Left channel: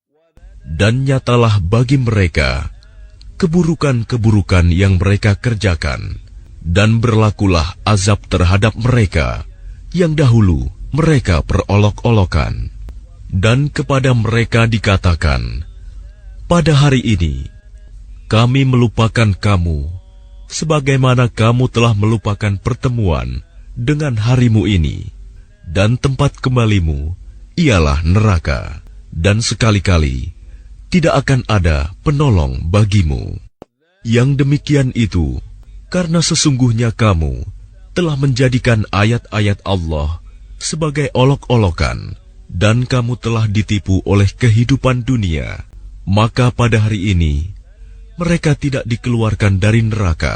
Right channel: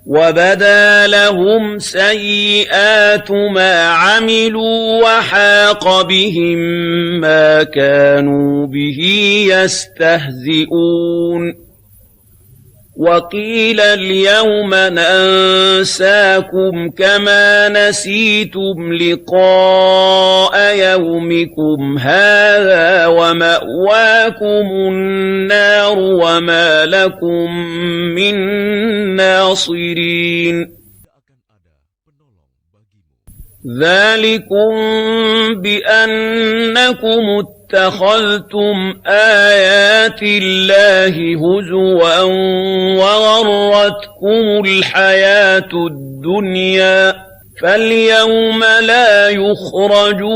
Dan nyatalah bagi mereka keburukan-keburukan yang mereka kerjakan, dan berlakulah azab terhadap mereka yang dahulu mereka perolok-olokan. Dan kepada mereka dikatakan, pada hari ini kami melupakan kamu, sebagaimana kamu telah melupakan pertemuan dengan harimu ini, dan tempat kembalimu ialah neraka, dan sekali-kali tidak akan ada penolong bagimu. Yang demikian itu karena sesungguhnya kamu telah menjadikan ayat-ayat Allah sebagai olok-olokan, dan kamu telah ditipu oleh kehidupan dunia. Maka pada hari ini mereka tidak dikeluarkan dari neraka,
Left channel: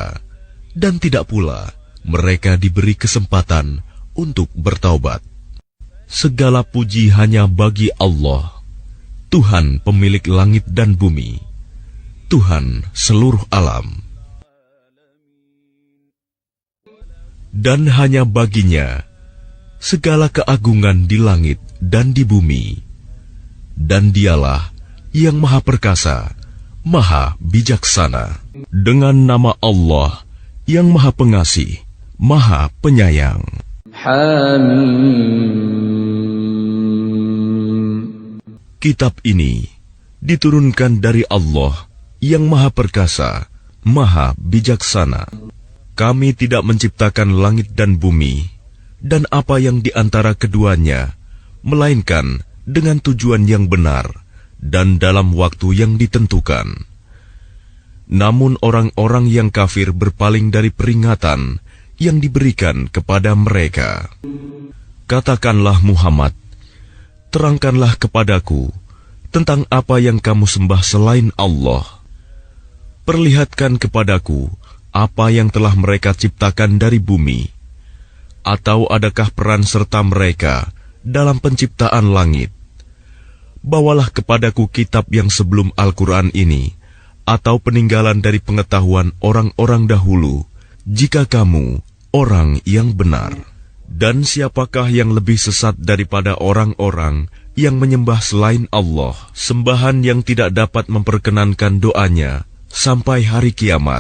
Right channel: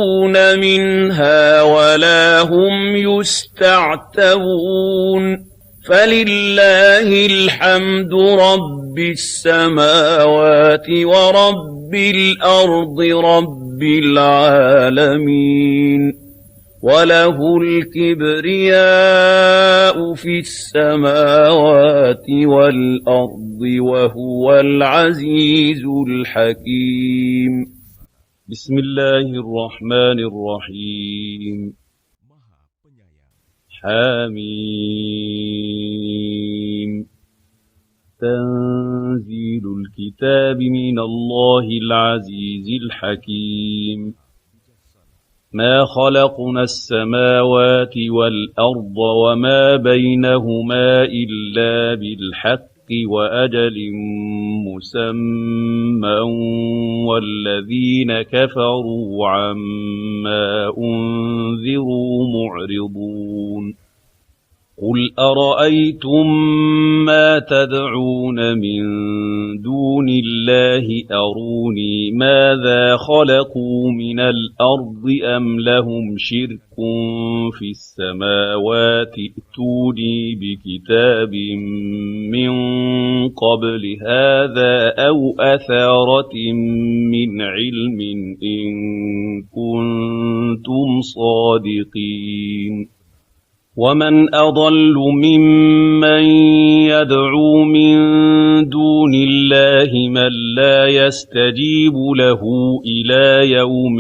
dan tidak pula mereka diberi kesempatan untuk bertaubat. Segala puji hanya bagi Allah, Tuhan pemilik langit dan bumi, Tuhan seluruh alam. Dan hanya baginya segala keagungan di langit dan di bumi. Dan dialah yang maha perkasa, maha bijaksana. Dengan nama Allah yang maha pengasih, maha penyayang. Kitab ini diturunkan dari Allah yang maha perkasa, maha bijaksana. Kami tidak menciptakan langit dan bumi dan apa yang di antara keduanya, melainkan dengan tujuan yang benar dan dalam waktu yang ditentukan. Namun orang-orang yang kafir berpaling dari peringatan yang diberikan kepada mereka. Katakanlah Muhammad, terangkanlah kepadaku tentang apa yang kamu sembah selain Allah. Perlihatkan kepadaku apa yang telah mereka ciptakan dari bumi. Atau adakah peran serta mereka dalam penciptaan langit? Bawalah kepadaku kitab yang sebelum Al-Quran ini, atau peninggalan dari pengetahuan orang-orang dahulu, jika kamu orang yang benar. Dan siapakah yang lebih sesat daripada orang-orang yang menyembah selain Allah, sembahan yang tidak dapat memperkenankan doanya sampai hari kiamat,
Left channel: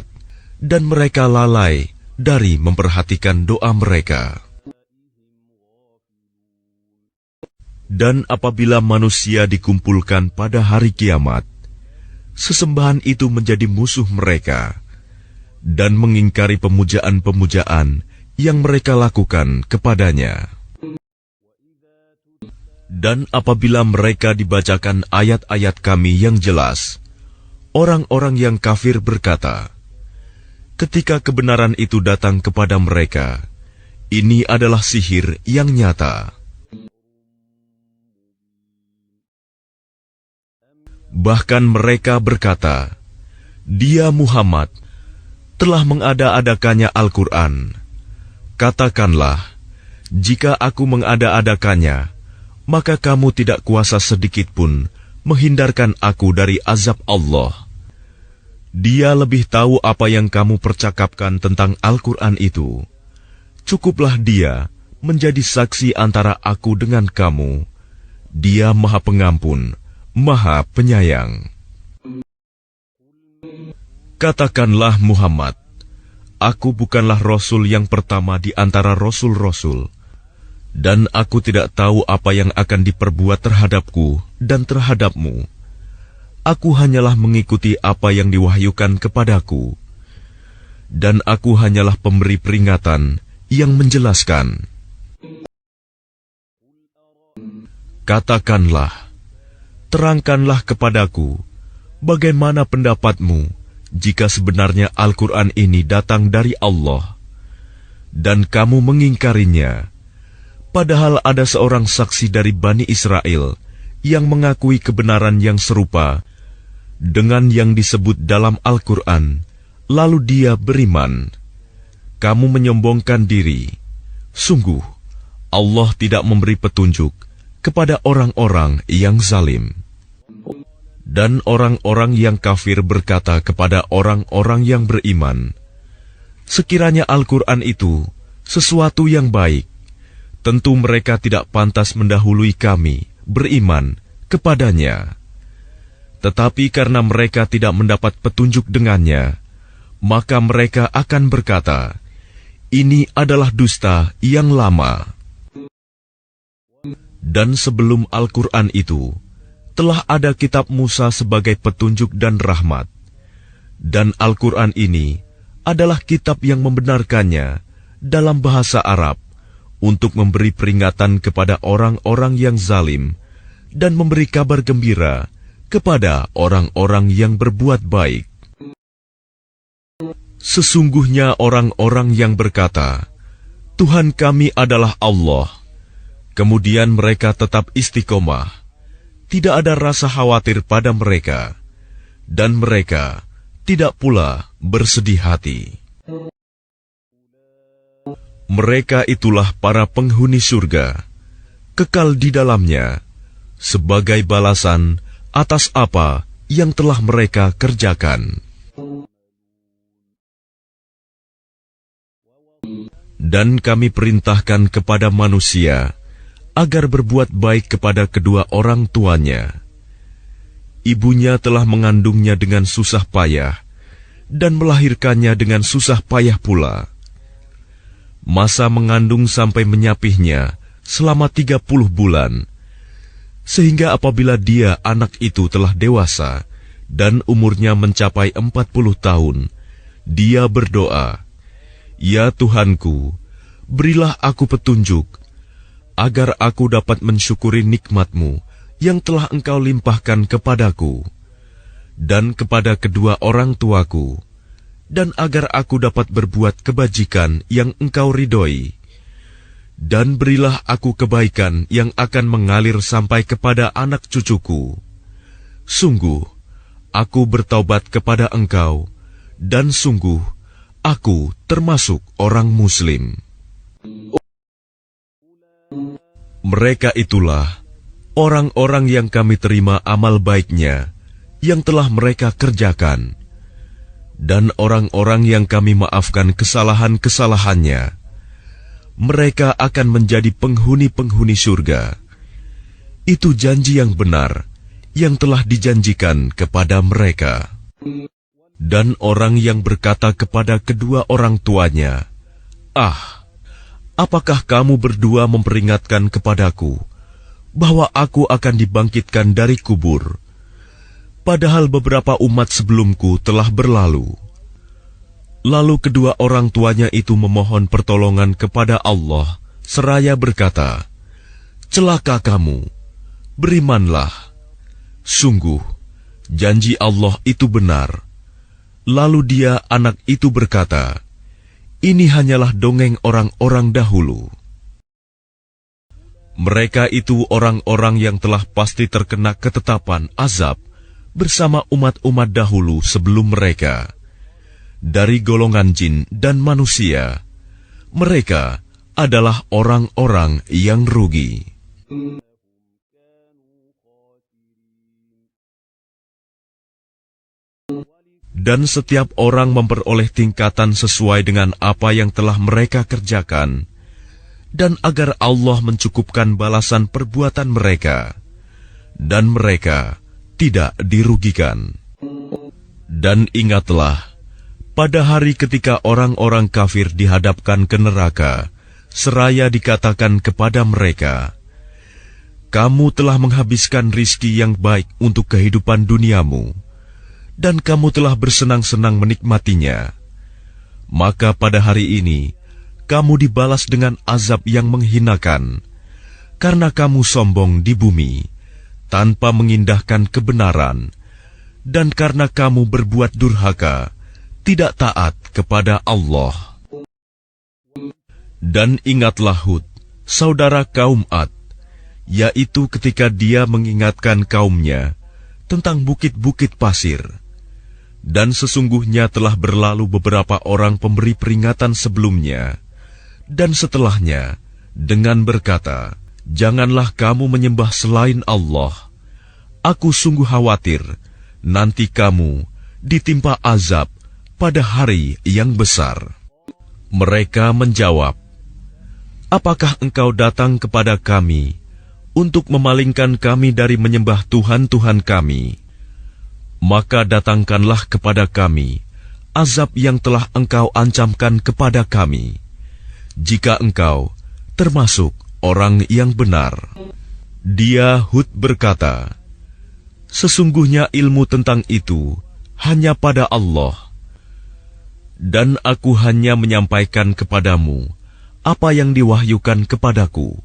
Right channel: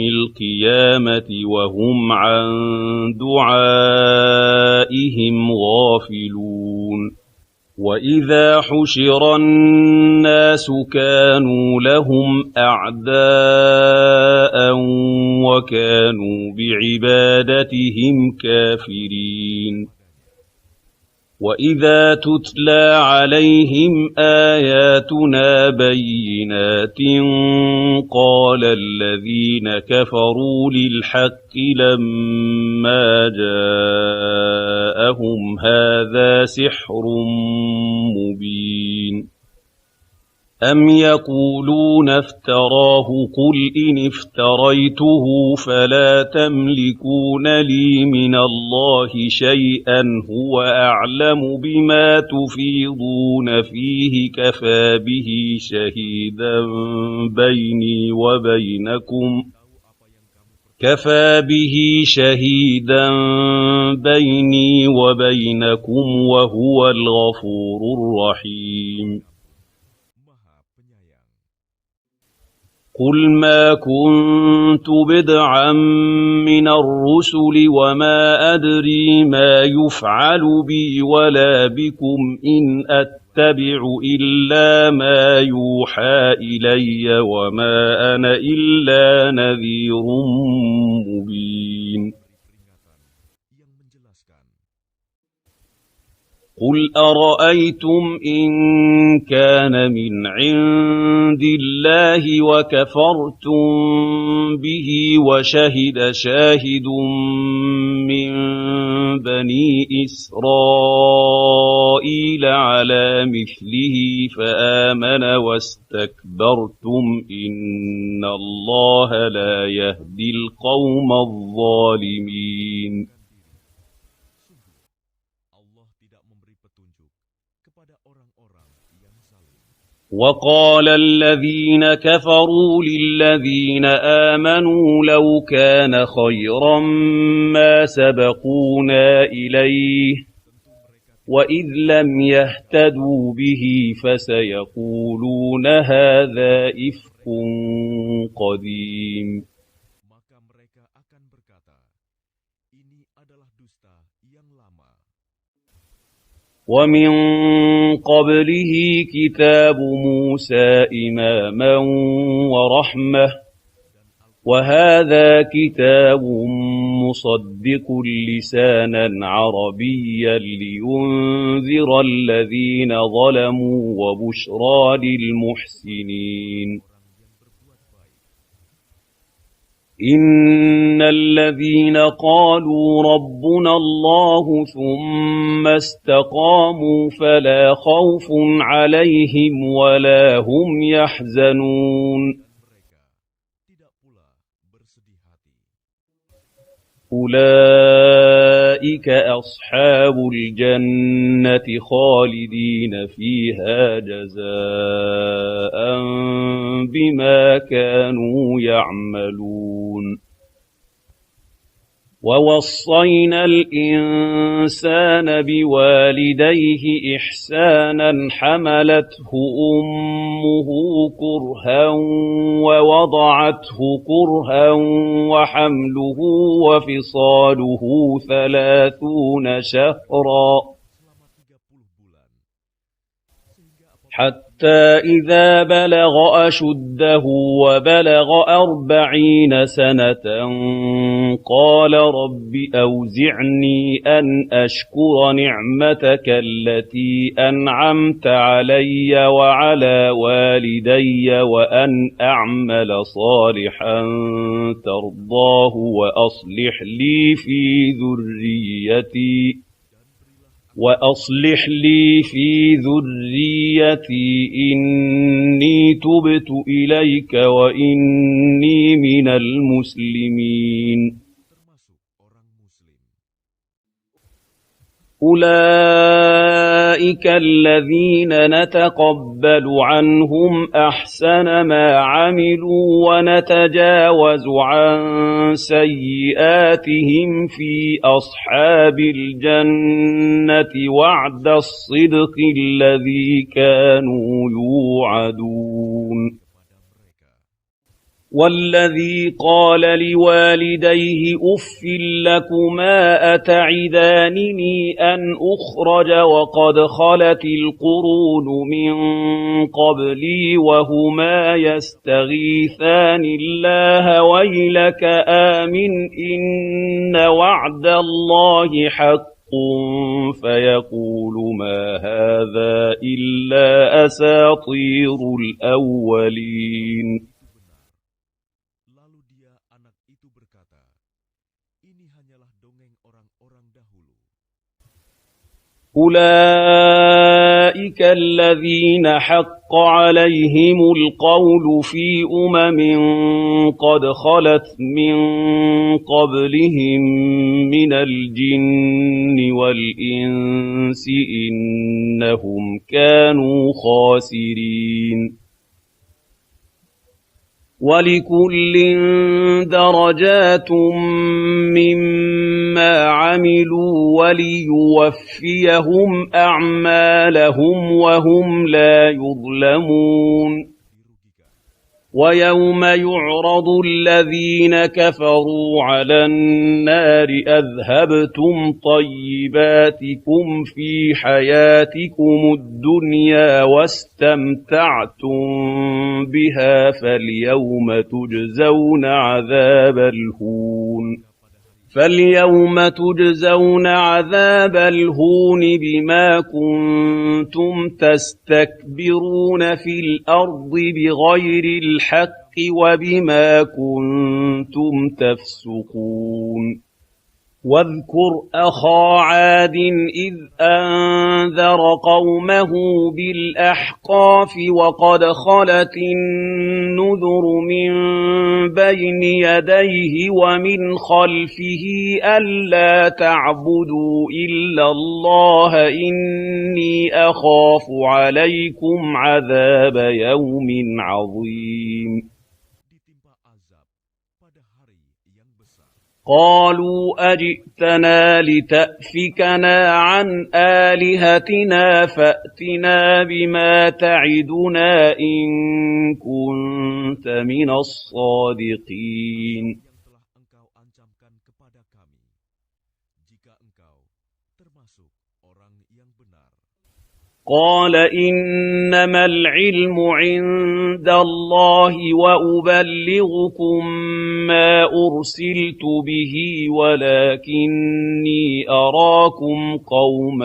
dan mereka lalai dari memperhatikan doa mereka. Dan apabila manusia dikumpulkan pada hari kiamat, sesembahan itu menjadi musuh mereka dan mengingkari pemujaan-pemujaan yang mereka lakukan kepadanya. Dan apabila mereka dibacakan ayat-ayat kami yang jelas, orang-orang yang kafir berkata, ketika kebenaran itu datang kepada mereka, ini adalah sihir yang nyata. Bahkan mereka berkata, dia Muhammad telah mengada-adakannya Al-Quran. Katakanlah, jika aku mengada-adakannya, maka kamu tidak kuasa sedikit pun menghindarkan aku dari azab Allah. Dia lebih tahu apa yang kamu percakapkan tentang Al-Quran itu. Cukuplah dia menjadi saksi antara aku dengan kamu. Dia Maha Pengampun, Maha Penyayang. Katakanlah Muhammad, aku bukanlah Rasul yang pertama di antara Rasul-Rasul, dan aku tidak tahu apa yang akan diperbuat terhadapku dan terhadapmu. Aku hanyalah mengikuti apa yang diwahyukan kepadaku, dan aku hanyalah pemberi peringatan yang menjelaskan. Katakanlah, terangkanlah kepadaku, bagaimana pendapatmu jika sebenarnya Al-Quran ini datang dari Allah, dan kamu mengingkarinya, padahal ada seorang saksi dari Bani Israel yang mengakui kebenaran yang serupa dengan yang disebut dalam Al-Quran, lalu dia beriman. Kamu menyombongkan diri. Sungguh, Allah tidak memberi petunjuk kepada orang-orang yang zalim. Dan orang-orang yang kafir berkata kepada orang-orang yang beriman, sekiranya Al-Quran itu sesuatu yang baik, tentu mereka tidak pantas mendahului kami beriman kepadanya. Tetapi karena mereka tidak mendapat petunjuk dengannya, maka mereka akan berkata, ini adalah dusta yang lama. Dan sebelum Al-Quran itu, telah ada kitab Musa sebagai petunjuk dan rahmat. Dan Al-Quran ini adalah kitab yang membenarkannya dalam bahasa Arab untuk memberi peringatan kepada orang-orang yang zalim dan memberi kabar gembira kepada orang-orang yang berbuat baik. Sesungguhnya orang-orang yang berkata, Tuhan kami adalah Allah, kemudian mereka tetap istiqomah, tidak ada rasa khawatir pada mereka, dan mereka tidak pula bersedih hati. Mereka itulah para penghuni surga, kekal di dalamnya, sebagai balasan atas apa yang telah mereka kerjakan. Dan kami perintahkan kepada manusia agar berbuat baik kepada kedua orang tuanya. Ibunya telah mengandungnya dengan susah payah dan melahirkannya dengan susah payah pula. Masa mengandung sampai menyapihnya selama 30 bulan. Sehingga apabila dia, anak itu telah dewasa dan umurnya mencapai 40 tahun, dia berdoa, Ya Tuhanku, berilah aku petunjuk, agar aku dapat mensyukuri nikmat-Mu yang telah Engkau limpahkan kepadaku dan kepada kedua orang tuaku, dan agar aku dapat berbuat kebajikan yang Engkau ridhoi. Dan berilah aku kebaikan yang akan mengalir sampai kepada anak cucuku. Sungguh, aku bertaubat kepada Engkau, dan sungguh, aku termasuk orang Muslim. Mereka itulah orang-orang yang kami terima amal baiknya yang telah mereka kerjakan, dan orang-orang yang kami maafkan kesalahan-kesalahannya. Mereka akan menjadi penghuni-penghuni surga. Itu janji yang benar yang telah dijanjikan kepada mereka. Dan orang yang berkata kepada kedua orang tuanya, apakah kamu berdua memperingatkan kepadaku bahwa aku akan dibangkitkan dari kubur, padahal beberapa umat sebelumku telah berlalu? Lalu kedua orang tuanya itu memohon pertolongan kepada Allah, seraya berkata, celaka kamu, berimanlah, sungguh janji Allah itu benar. Lalu dia, anak itu berkata, ini hanyalah dongeng orang-orang dahulu. Mereka itu orang-orang yang telah pasti terkena ketetapan azab bersama umat-umat dahulu sebelum mereka, dari golongan jin dan manusia. Mereka adalah orang-orang yang rugi. Dan setiap orang memperoleh tingkatan sesuai dengan apa yang telah mereka kerjakan, dan agar Allah mencukupkan balasan perbuatan mereka, dan mereka tidak dirugikan. Dan ingatlah, pada hari ketika orang-orang kafir dihadapkan ke neraka, seraya dikatakan kepada mereka, kamu telah menghabiskan rizki yang baik untuk kehidupan duniamu, dan kamu telah bersenang-senang menikmatinya. Maka pada hari ini, kamu dibalas dengan azab yang menghinakan, karena kamu sombong di bumi, tanpa mengindahkan kebenaran, dan karena kamu berbuat durhaka, tidak taat kepada Allah. Dan ingatlah Hud, saudara kaum Ad, yaitu ketika dia mengingatkan kaumnya tentang bukit-bukit pasir. Dan sesungguhnya telah berlalu beberapa orang pemberi peringatan sebelumnya dan setelahnya dengan berkata, janganlah kamu menyembah selain Allah. Aku sungguh khawatir nanti kamu ditimpa azab pada hari yang besar. Mereka menjawab, apakah engkau datang kepada kami untuk memalingkan kami dari menyembah Tuhan-Tuhan kami? Maka datangkanlah kepada kami azab yang telah engkau ancamkan kepada kami, jika engkau termasuk orang yang benar. Dia Hud berkata, sesungguhnya ilmu tentang itu hanya pada Allah, dan aku hanya menyampaikan kepadamu apa yang diwahyukan kepadaku.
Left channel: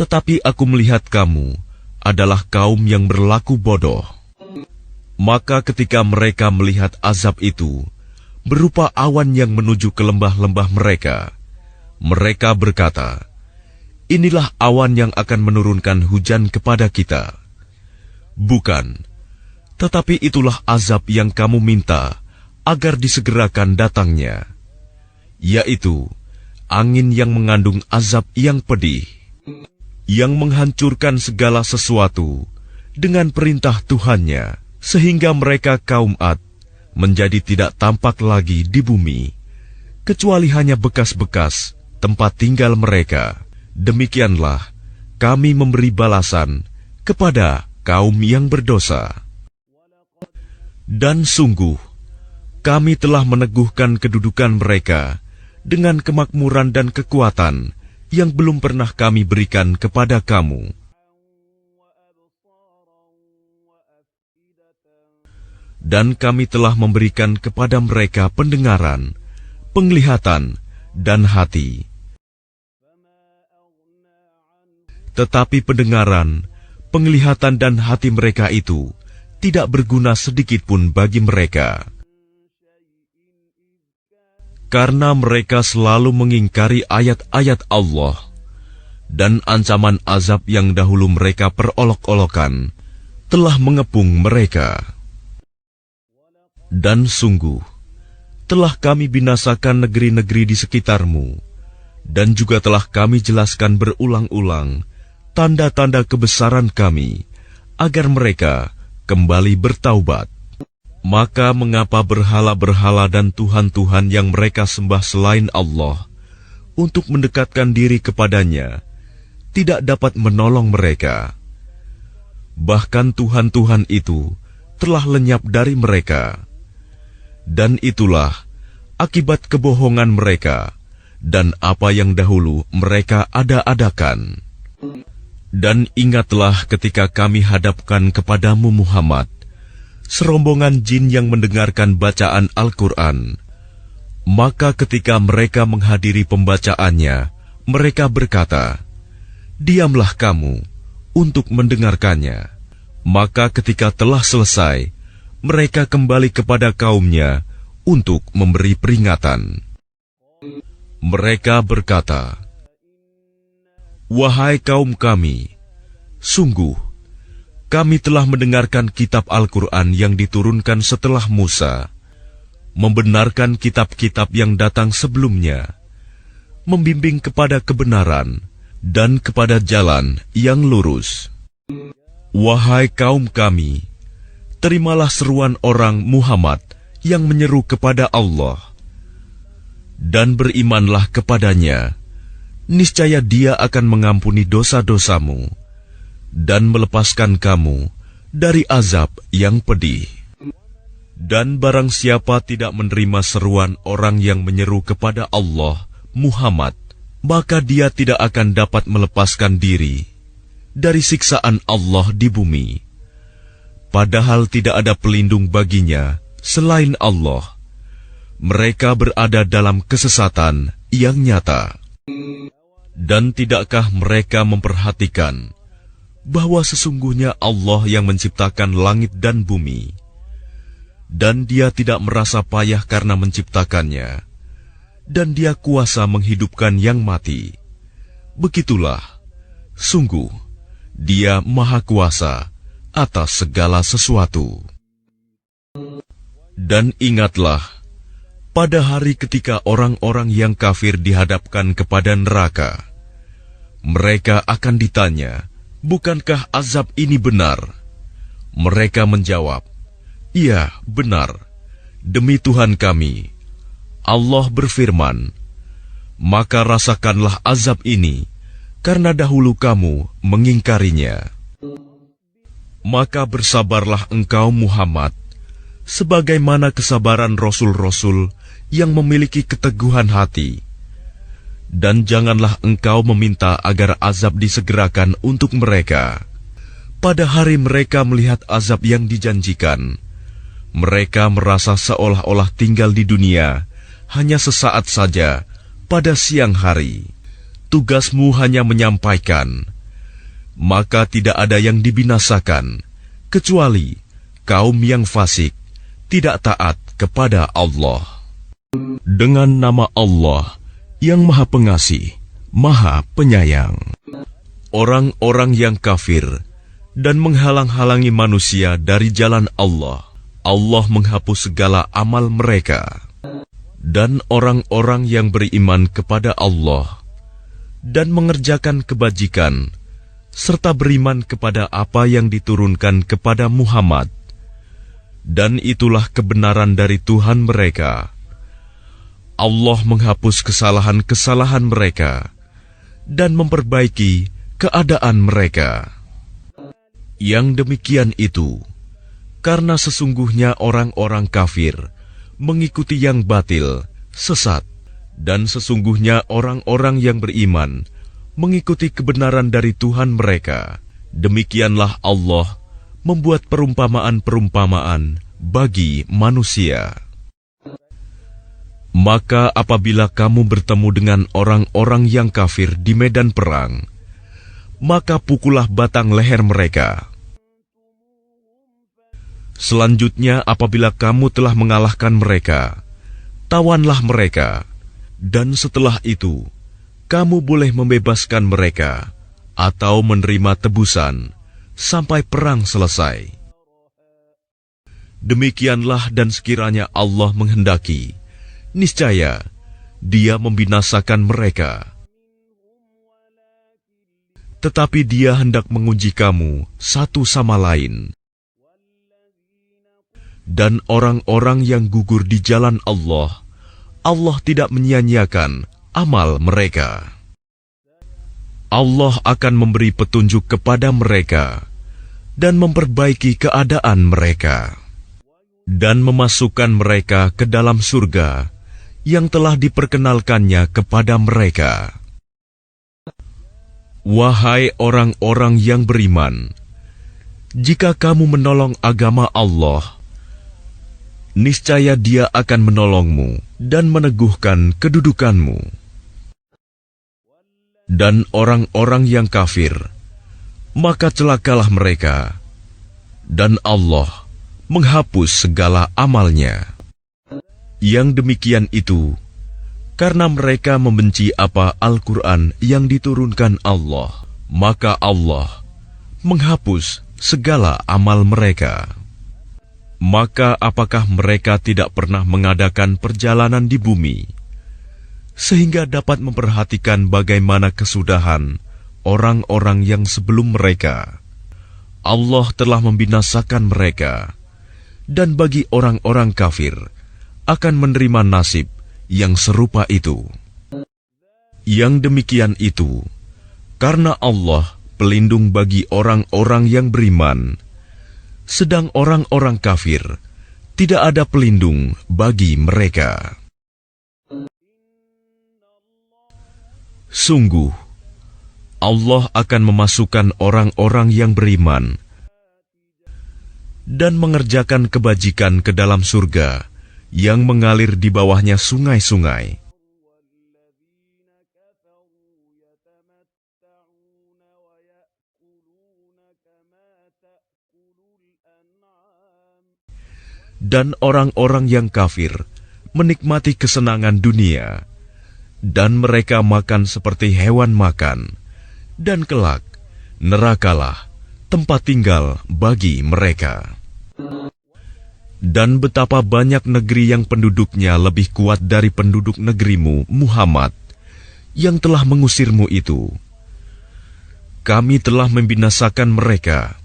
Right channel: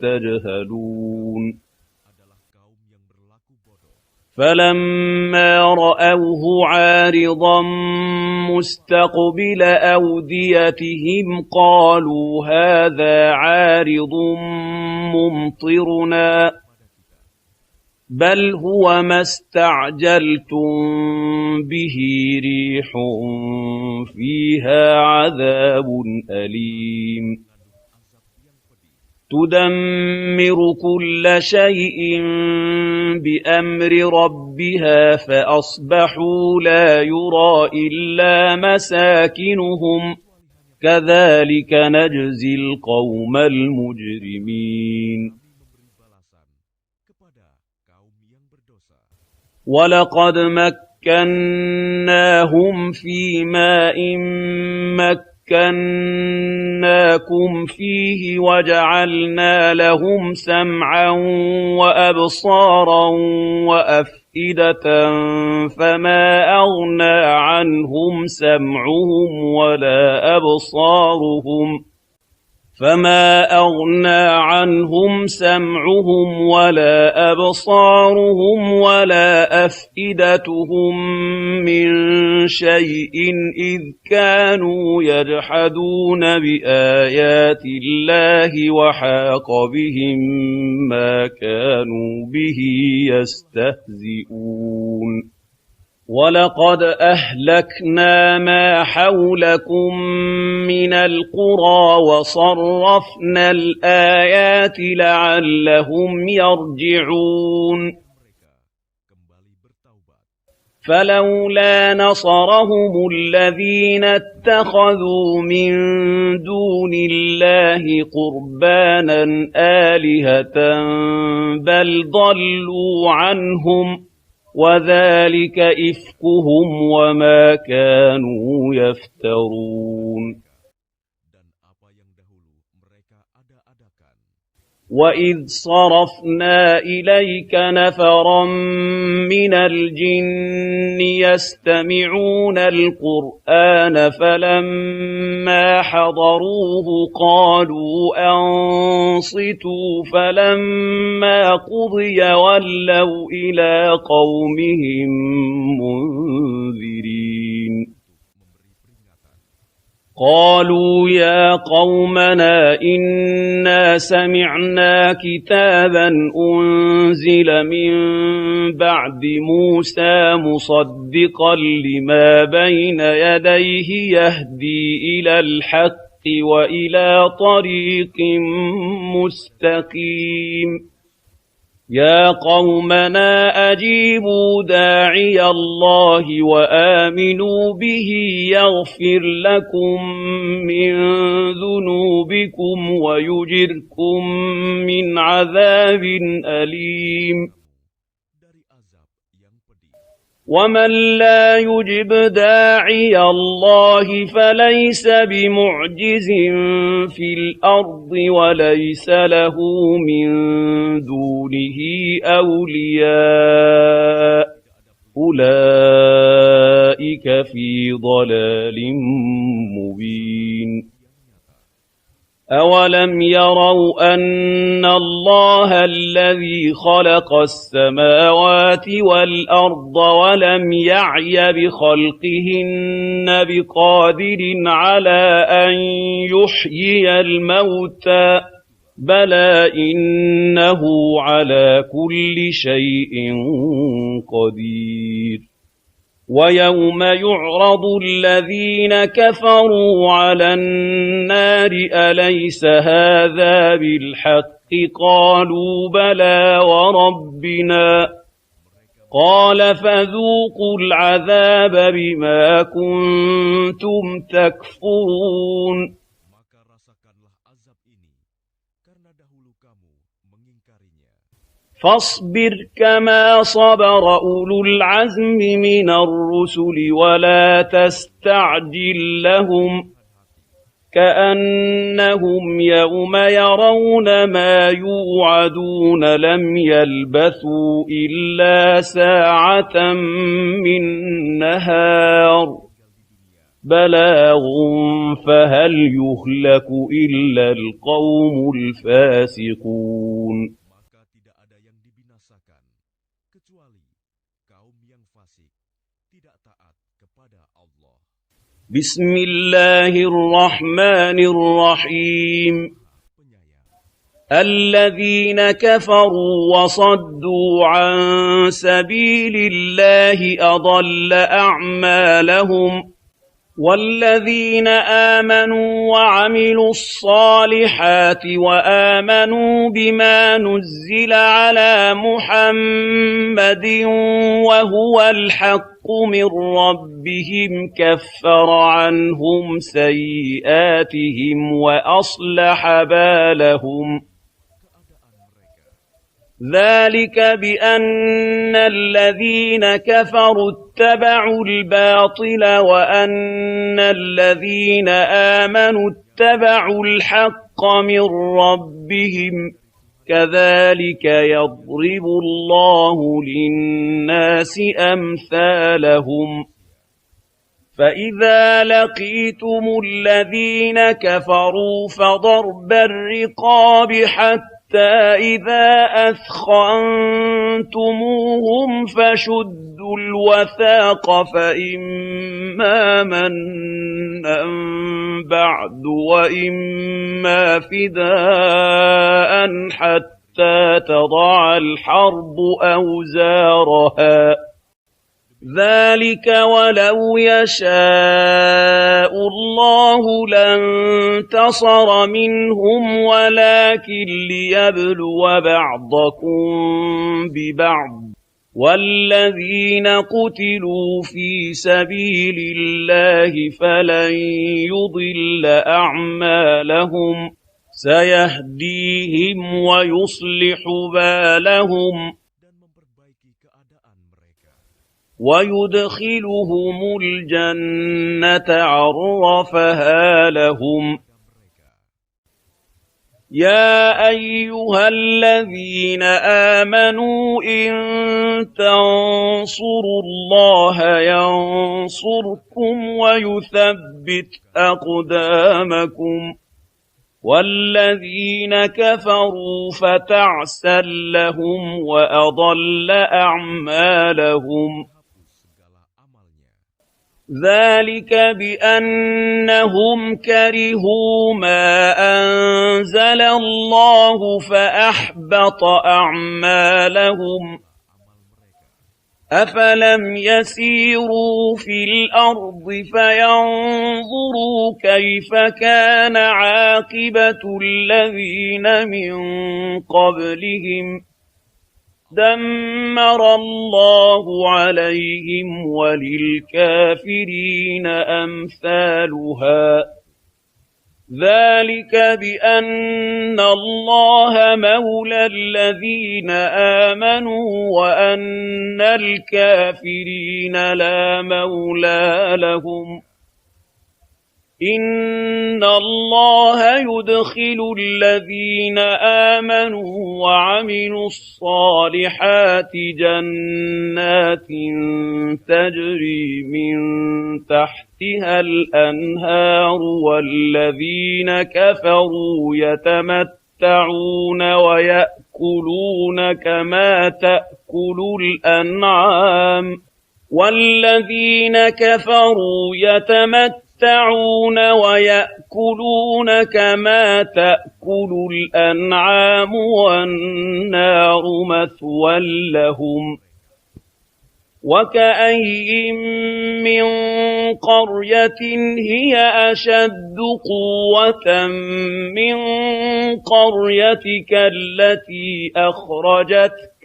Tetapi aku melihat kamu adalah kaum yang berlaku bodoh. Maka ketika mereka melihat azab itu berupa awan yang menuju ke lembah-lembah mereka, mereka berkata, inilah awan yang akan menurunkan hujan kepada kita. Bukan, tetapi itulah azab yang kamu minta agar disegerakan datangnya, yaitu angin yang mengandung azab yang pedih, yang menghancurkan segala sesuatu dengan perintah Tuhannya, sehingga mereka kaum Ad menjadi tidak tampak lagi di bumi, kecuali hanya bekas-bekas tempat tinggal mereka. Demikianlah kami memberi balasan kepada kaum yang berdosa. Dan sungguh, kami telah meneguhkan kedudukan mereka dengan kemakmuran dan kekuatan yang belum pernah kami berikan kepada kamu. Dan kami telah memberikan kepada mereka pendengaran, penglihatan, dan hati. Tetapi pendengaran, penglihatan, dan hati mereka itu tidak berguna sedikit pun bagi mereka, karena mereka selalu mengingkari ayat-ayat Allah dan ancaman azab yang dahulu mereka perolok-olokan telah mengepung mereka. Dan sungguh, telah kami binasakan negeri-negeri di sekitarmu, dan juga telah kami jelaskan berulang-ulang tanda-tanda kebesaran kami, agar mereka kembali bertaubat. Maka mengapa berhala-berhala dan Tuhan-Tuhan yang mereka sembah selain Allah untuk mendekatkan diri kepadanya tidak dapat menolong mereka? Bahkan Tuhan-Tuhan itu telah lenyap dari mereka, dan itulah akibat kebohongan mereka dan apa yang dahulu mereka ada-adakan. Dan ingatlah ketika kami hadapkan kepadamu Muhammad serombongan jin yang mendengarkan bacaan Al-Quran. Maka ketika mereka menghadiri pembacaannya, mereka berkata, diamlah kamu untuk mendengarkannya. Maka ketika telah selesai, mereka kembali kepada kaumnya untuk memberi peringatan. Mereka berkata, wahai kaum kami, sungguh kami telah mendengarkan kitab Al-Quran yang diturunkan setelah Musa, membenarkan kitab-kitab yang datang sebelumnya, membimbing kepada kebenaran dan kepada jalan yang lurus. Wahai kaum kami, terimalah seruan orang Muhammad yang menyeru kepada Allah, dan berimanlah kepadanya. Niscaya Dia akan mengampuni dosa-dosamu dan melepaskan kamu dari azab yang pedih. Dan barang siapa tidak menerima seruan orang yang menyeru kepada Allah, Muhammad, maka dia tidak akan dapat melepaskan diri dari siksaan Allah di bumi. Padahal tidak ada pelindung baginya selain Allah. Mereka berada dalam kesesatan yang nyata. Dan tidakkah mereka memperhatikan bahwa sesungguhnya Allah yang menciptakan langit dan bumi, dan Dia tidak merasa payah karena menciptakannya, dan Dia kuasa menghidupkan yang mati. Begitulah, sungguh Dia Maha Kuasa atas segala sesuatu. Dan ingatlah, pada hari ketika orang-orang yang kafir dihadapkan kepada neraka, mereka akan ditanya, bukankah azab ini benar? Mereka menjawab, "Iya, benar. Demi Tuhan kami." Allah berfirman, "Maka rasakanlah azab ini, karena dahulu kamu mengingkarinya." Maka bersabarlah engkau Muhammad, sebagaimana kesabaran Rasul-Rasul yang memiliki keteguhan hati. Dan janganlah engkau meminta agar azab disegerakan untuk mereka pada hari mereka melihat azab yang dijanjikan. Mereka merasa seolah-olah tinggal di dunia hanya sesaat saja pada siang hari. Tugasmu hanya menyampaikan. Maka tidak ada yang dibinasakan kecuali kaum yang fasik, tidak taat kepada Allah. Dengan nama Allah yang Maha Pengasih, Maha Penyayang. Orang-orang yang kafir dan menghalang-halangi manusia dari jalan Allah, Allah menghapus segala amal mereka. Dan orang-orang yang beriman kepada Allah dan mengerjakan kebajikan serta beriman kepada apa yang diturunkan kepada Muhammad, dan itulah kebenaran dari Tuhan mereka. Allah menghapus kesalahan-kesalahan mereka dan memperbaiki keadaan mereka. Yang demikian itu karena sesungguhnya orang-orang kafir mengikuti yang batil, sesat, dan sesungguhnya orang-orang yang beriman mengikuti kebenaran dari Tuhan mereka. Demikianlah Allah membuat perumpamaan-perumpamaan bagi manusia. Maka apabila kamu bertemu dengan orang-orang yang kafir di medan perang, maka pukullah batang leher mereka. Selanjutnya apabila kamu telah mengalahkan mereka, tawanlah mereka. Dan setelah itu, kamu boleh membebaskan mereka atau menerima tebusan sampai perang selesai. Demikianlah dan sekiranya Allah menghendaki, niscaya Dia membinasakan mereka. Tetapi Dia hendak menguji kamu satu sama lain. Dan orang-orang yang gugur di jalan Allah, Allah tidak menyia-nyiakan amal mereka. Allah akan memberi petunjuk kepada mereka dan memperbaiki keadaan mereka, dan memasukkan mereka ke dalam surga yang telah diperkenalkannya kepada mereka. Wahai orang-orang yang beriman, jika kamu menolong agama Allah, niscaya Dia akan menolongmu dan meneguhkan kedudukanmu. Dan orang-orang yang kafir, maka celakalah mereka, dan Allah menghapus segala amalnya. Yang demikian itu karena mereka membenci apa Al-Quran yang diturunkan Allah, maka Allah menghapus segala amal mereka. Maka apakah mereka tidak pernah mengadakan perjalanan di bumi sehingga dapat memperhatikan bagaimana kesudahan orang-orang yang sebelum mereka? Allah telah membinasakan mereka, dan bagi orang-orang kafir akan menerima nasib yang serupa itu. Yang demikian itu karena Allah pelindung bagi orang-orang yang beriman, sedang orang-orang kafir tidak ada pelindung bagi mereka. Sungguh, Allah akan memasukkan orang-orang yang beriman dan mengerjakan kebajikan ke dalam surga yang mengalir di bawahnya sungai-sungai. Dan orang-orang yang kafir menikmati kesenangan dunia, dan mereka makan seperti hewan makan, dan kelak nerakalah tempat tinggal bagi mereka. Dan betapa banyak negeri yang penduduknya lebih kuat dari penduduk negerimu, Muhammad, yang telah mengusirmu itu. Kami telah membinasakan mereka,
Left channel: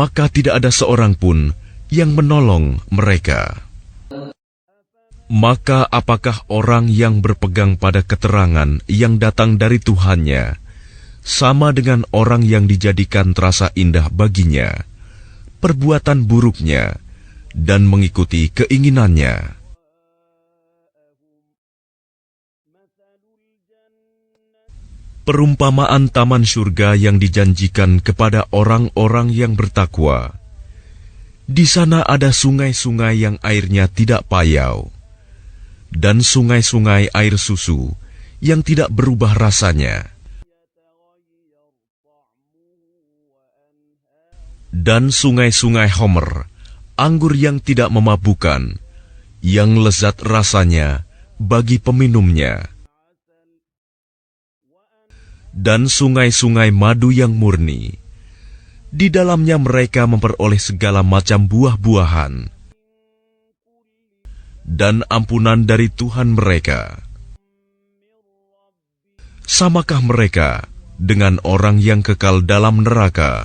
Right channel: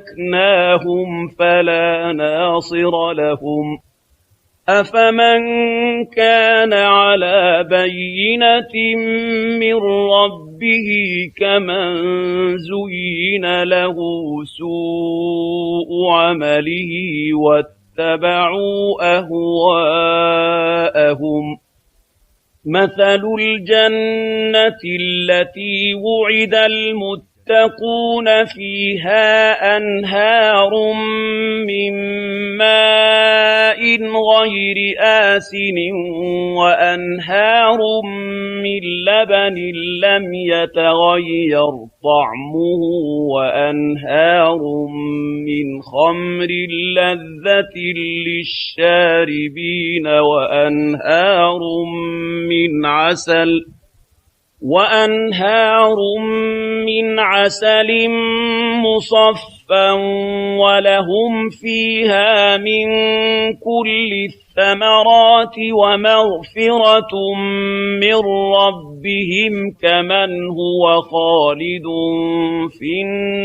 maka tidak ada seorang pun yang menolong mereka. Maka apakah orang yang berpegang pada keterangan yang datang dari Tuhannya sama dengan orang yang dijadikan terasa indah baginya perbuatan buruknya dan mengikuti keinginannya? Perumpamaan taman surga yang dijanjikan kepada orang-orang yang bertakwa. Di sana ada sungai-sungai yang airnya tidak payau, dan sungai-sungai air susu yang tidak berubah rasanya, dan sungai-sungai homer, anggur yang tidak memabukkan, yang lezat rasanya bagi peminumnya, dan sungai-sungai madu yang murni. Di dalamnya mereka memperoleh segala macam buah-buahan dan ampunan dari Tuhan mereka. Samakah mereka dengan orang yang kekal dalam neraka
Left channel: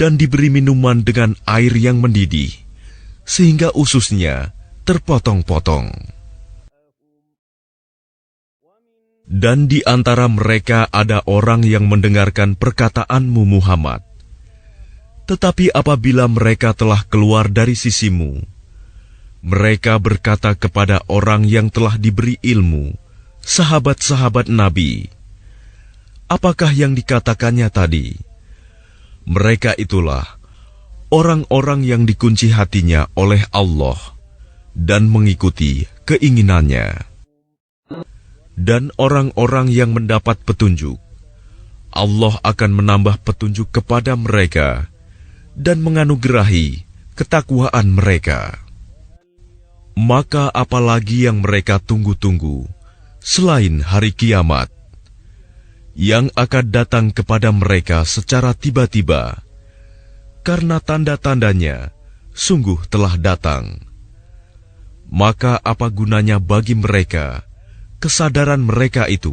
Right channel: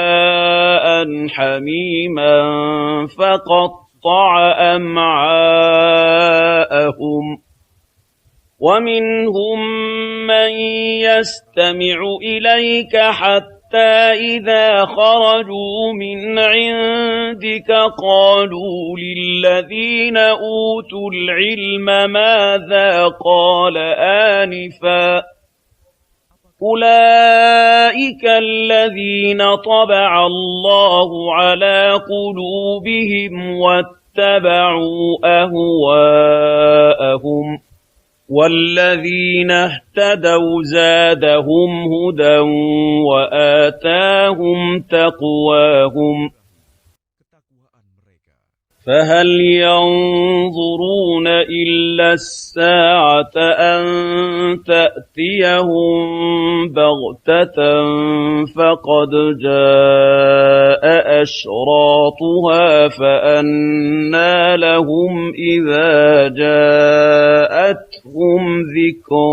dan diberi minuman dengan air yang mendidih, sehingga ususnya terpotong-potong? Dan di antara mereka ada orang yang mendengarkan perkataanmu, Muhammad. Tetapi apabila mereka telah keluar dari sisimu, mereka berkata kepada orang yang telah diberi ilmu, sahabat-sahabat Nabi, apakah yang dikatakannya tadi? Mereka itulah orang-orang yang dikunci hatinya oleh Allah dan mengikuti keinginannya. Dan orang-orang yang mendapat petunjuk, Allah akan menambah petunjuk kepada mereka dan menganugerahi ketakwaan mereka. Maka apalagi yang mereka tunggu-tunggu selain hari kiamat yang akan datang kepada mereka secara tiba-tiba, karena tanda-tandanya sungguh telah datang. Maka apa gunanya bagi mereka kesadaran mereka itu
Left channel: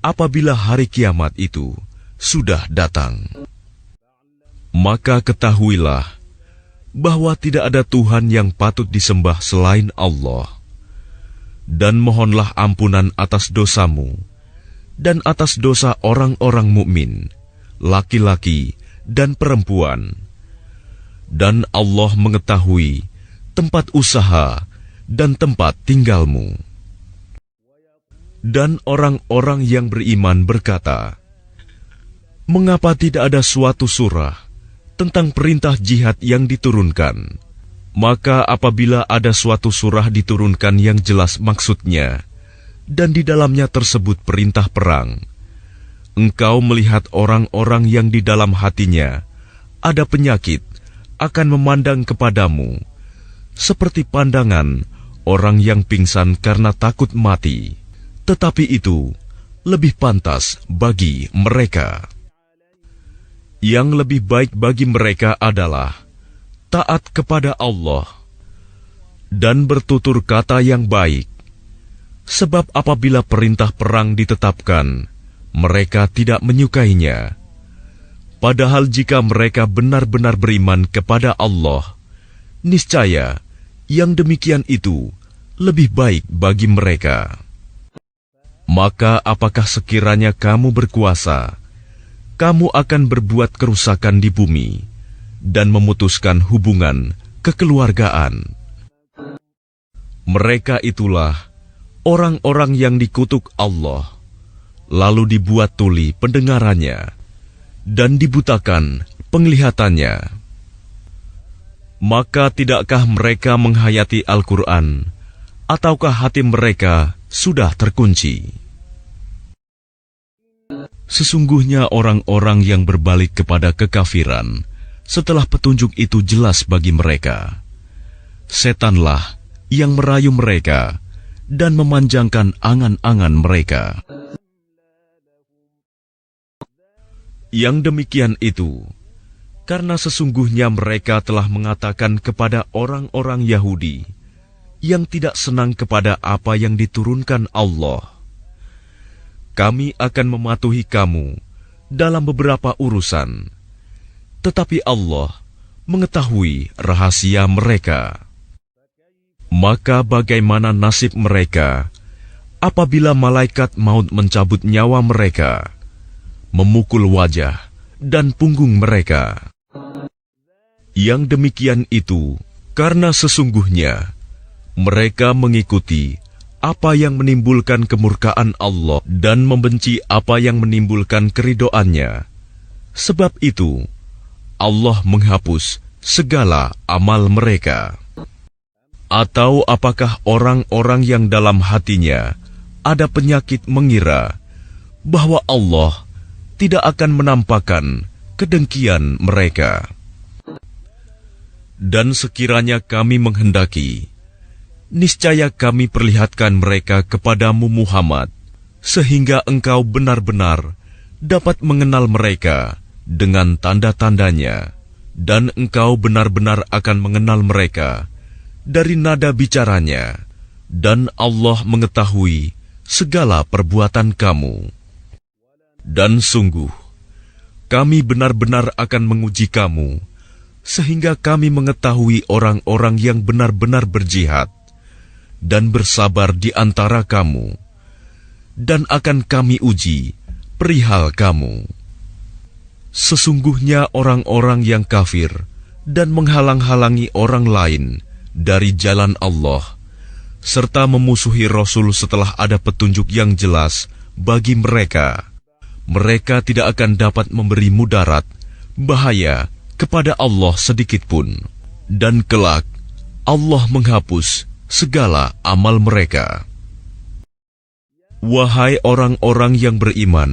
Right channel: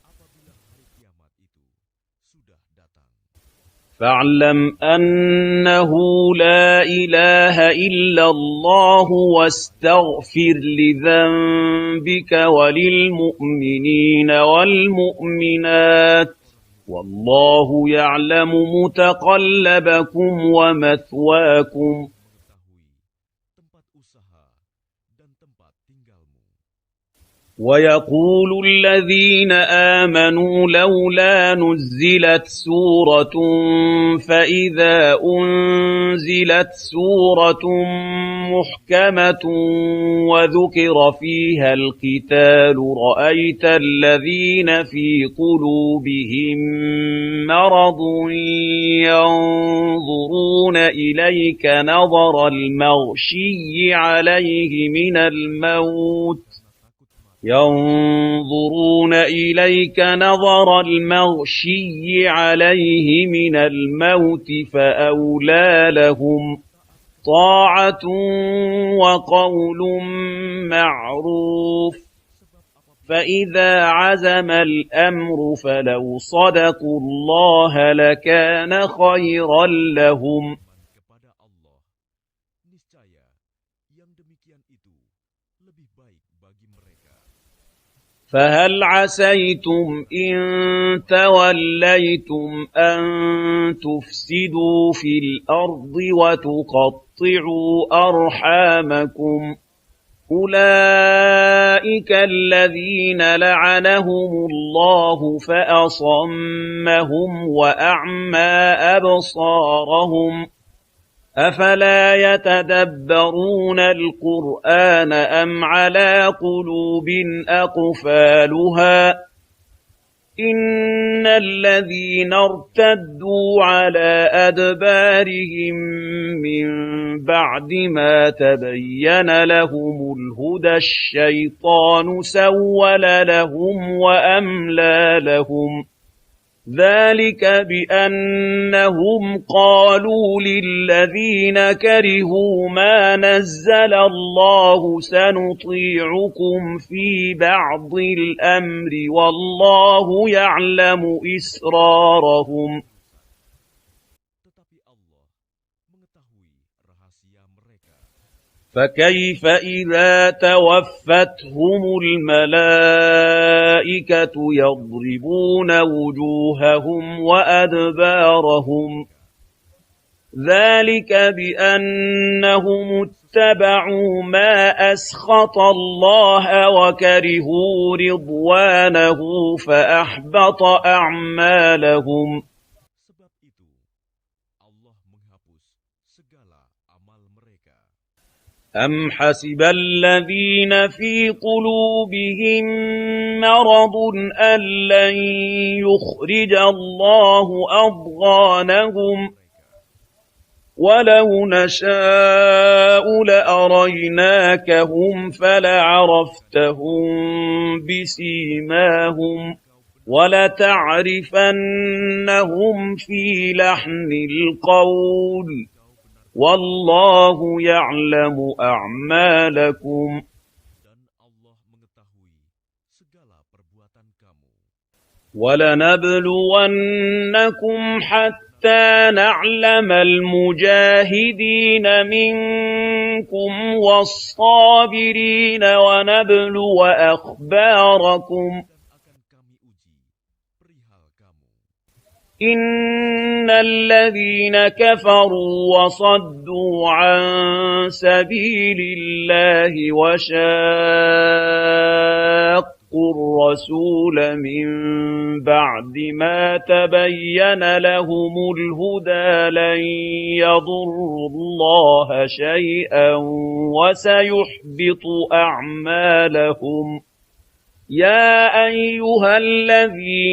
apabila hari kiamat itu sudah datang? Maka ketahuilah bahwa tidak ada Tuhan yang patut disembah selain Allah, dan mohonlah ampunan atas dosamu dan atas dosa orang-orang mukmin, laki-laki dan perempuan. Dan Allah mengetahui tempat usaha dan tempat tinggalmu. Dan orang-orang yang beriman berkata, mengapa tidak ada suatu surah tentang perintah jihad yang diturunkan? Maka apabila ada suatu surah diturunkan yang jelas maksudnya, dan di dalamnya tersebut perintah perang, engkau melihat orang-orang yang di dalam hatinya ada penyakit akan memandang kepadamu seperti pandangan orang yang pingsan karena takut mati. Tetapi itu lebih pantas bagi mereka. Yang lebih baik bagi mereka adalah taat kepada Allah dan bertutur kata yang baik. Sebab apabila perintah perang ditetapkan, mereka tidak menyukainya. Padahal jika mereka benar-benar beriman kepada Allah, niscaya yang demikian itu lebih baik bagi mereka. Maka apakah sekiranya kamu berkuasa, kamu akan berbuat kerusakan di bumi dan memutuskan hubungan kekeluargaan. Mereka itulah orang-orang yang dikutuk Allah, lalu dibuat tuli pendengarannya dan dibutakan penglihatannya. Maka tidakkah mereka menghayati Al-Quran, ataukah hati mereka sudah terkunci? Sesungguhnya orang-orang yang berbalik kepada kekafiran setelah petunjuk itu jelas bagi mereka, setanlah yang merayu mereka dan memanjangkan angan-angan mereka. Yang demikian itu karena sesungguhnya mereka telah mengatakan kepada orang-orang Yahudi yang tidak senang kepada apa yang diturunkan Allah, kami akan mematuhi kamu dalam beberapa urusan, tetapi Allah mengetahui rahasia mereka. Maka bagaimana nasib mereka apabila malaikat maut mencabut nyawa mereka, memukul wajah dan punggung mereka? Yang demikian itu karena sesungguhnya mereka mengikuti apa yang menimbulkan kemurkaan Allah dan membenci apa yang menimbulkan keridhoannya. Sebab itu Allah menghapus segala amal mereka. Atau apakah orang-orang yang dalam hatinya ada penyakit mengira bahwa Allah tidak akan menampakkan kedengkian mereka? Dan sekiranya kami menghendaki, niscaya kami perlihatkan mereka kepadamu Muhammad, sehingga engkau benar-benar dapat mengenal mereka dengan tanda-tandanya, dan engkau benar-benar akan mengenal mereka dari nada bicaranya, dan Allah mengetahui segala perbuatan kamu. Dan sungguh, kami benar-benar akan menguji kamu, sehingga kami mengetahui orang-orang yang benar-benar berjihad dan bersabar di antara kamu, dan akan kami uji perihal kamu. Sesungguhnya orang-orang yang kafir dan menghalang-halangi orang lain dari jalan Allah, serta memusuhi Rasul setelah ada petunjuk yang jelas bagi mereka, mereka tidak akan dapat memberi mudarat, bahaya kepada Allah sedikitpun, dan kelak Allah menghapus segala amal mereka. Wahai orang-orang yang beriman,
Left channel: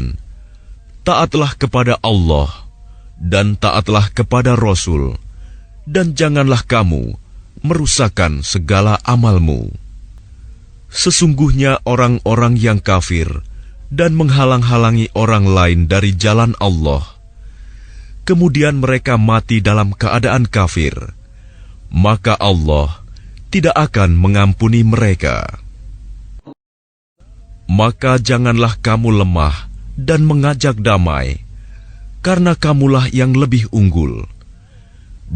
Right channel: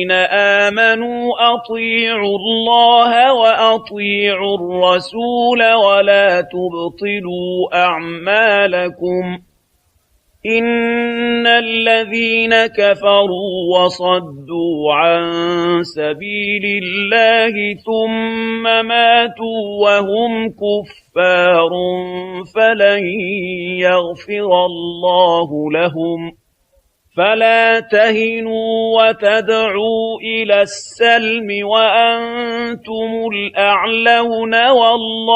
taatlah kepada Allah dan taatlah kepada Rasul, dan janganlah kamu merusakkan segala amalmu. Sesungguhnya orang-orang yang kafir dan menghalang-halangi orang lain dari jalan Allah, kemudian mereka mati dalam keadaan kafir, maka Allah tidak akan mengampuni mereka. Maka janganlah kamu lemah dan mengajak damai, karena kamulah yang lebih unggul,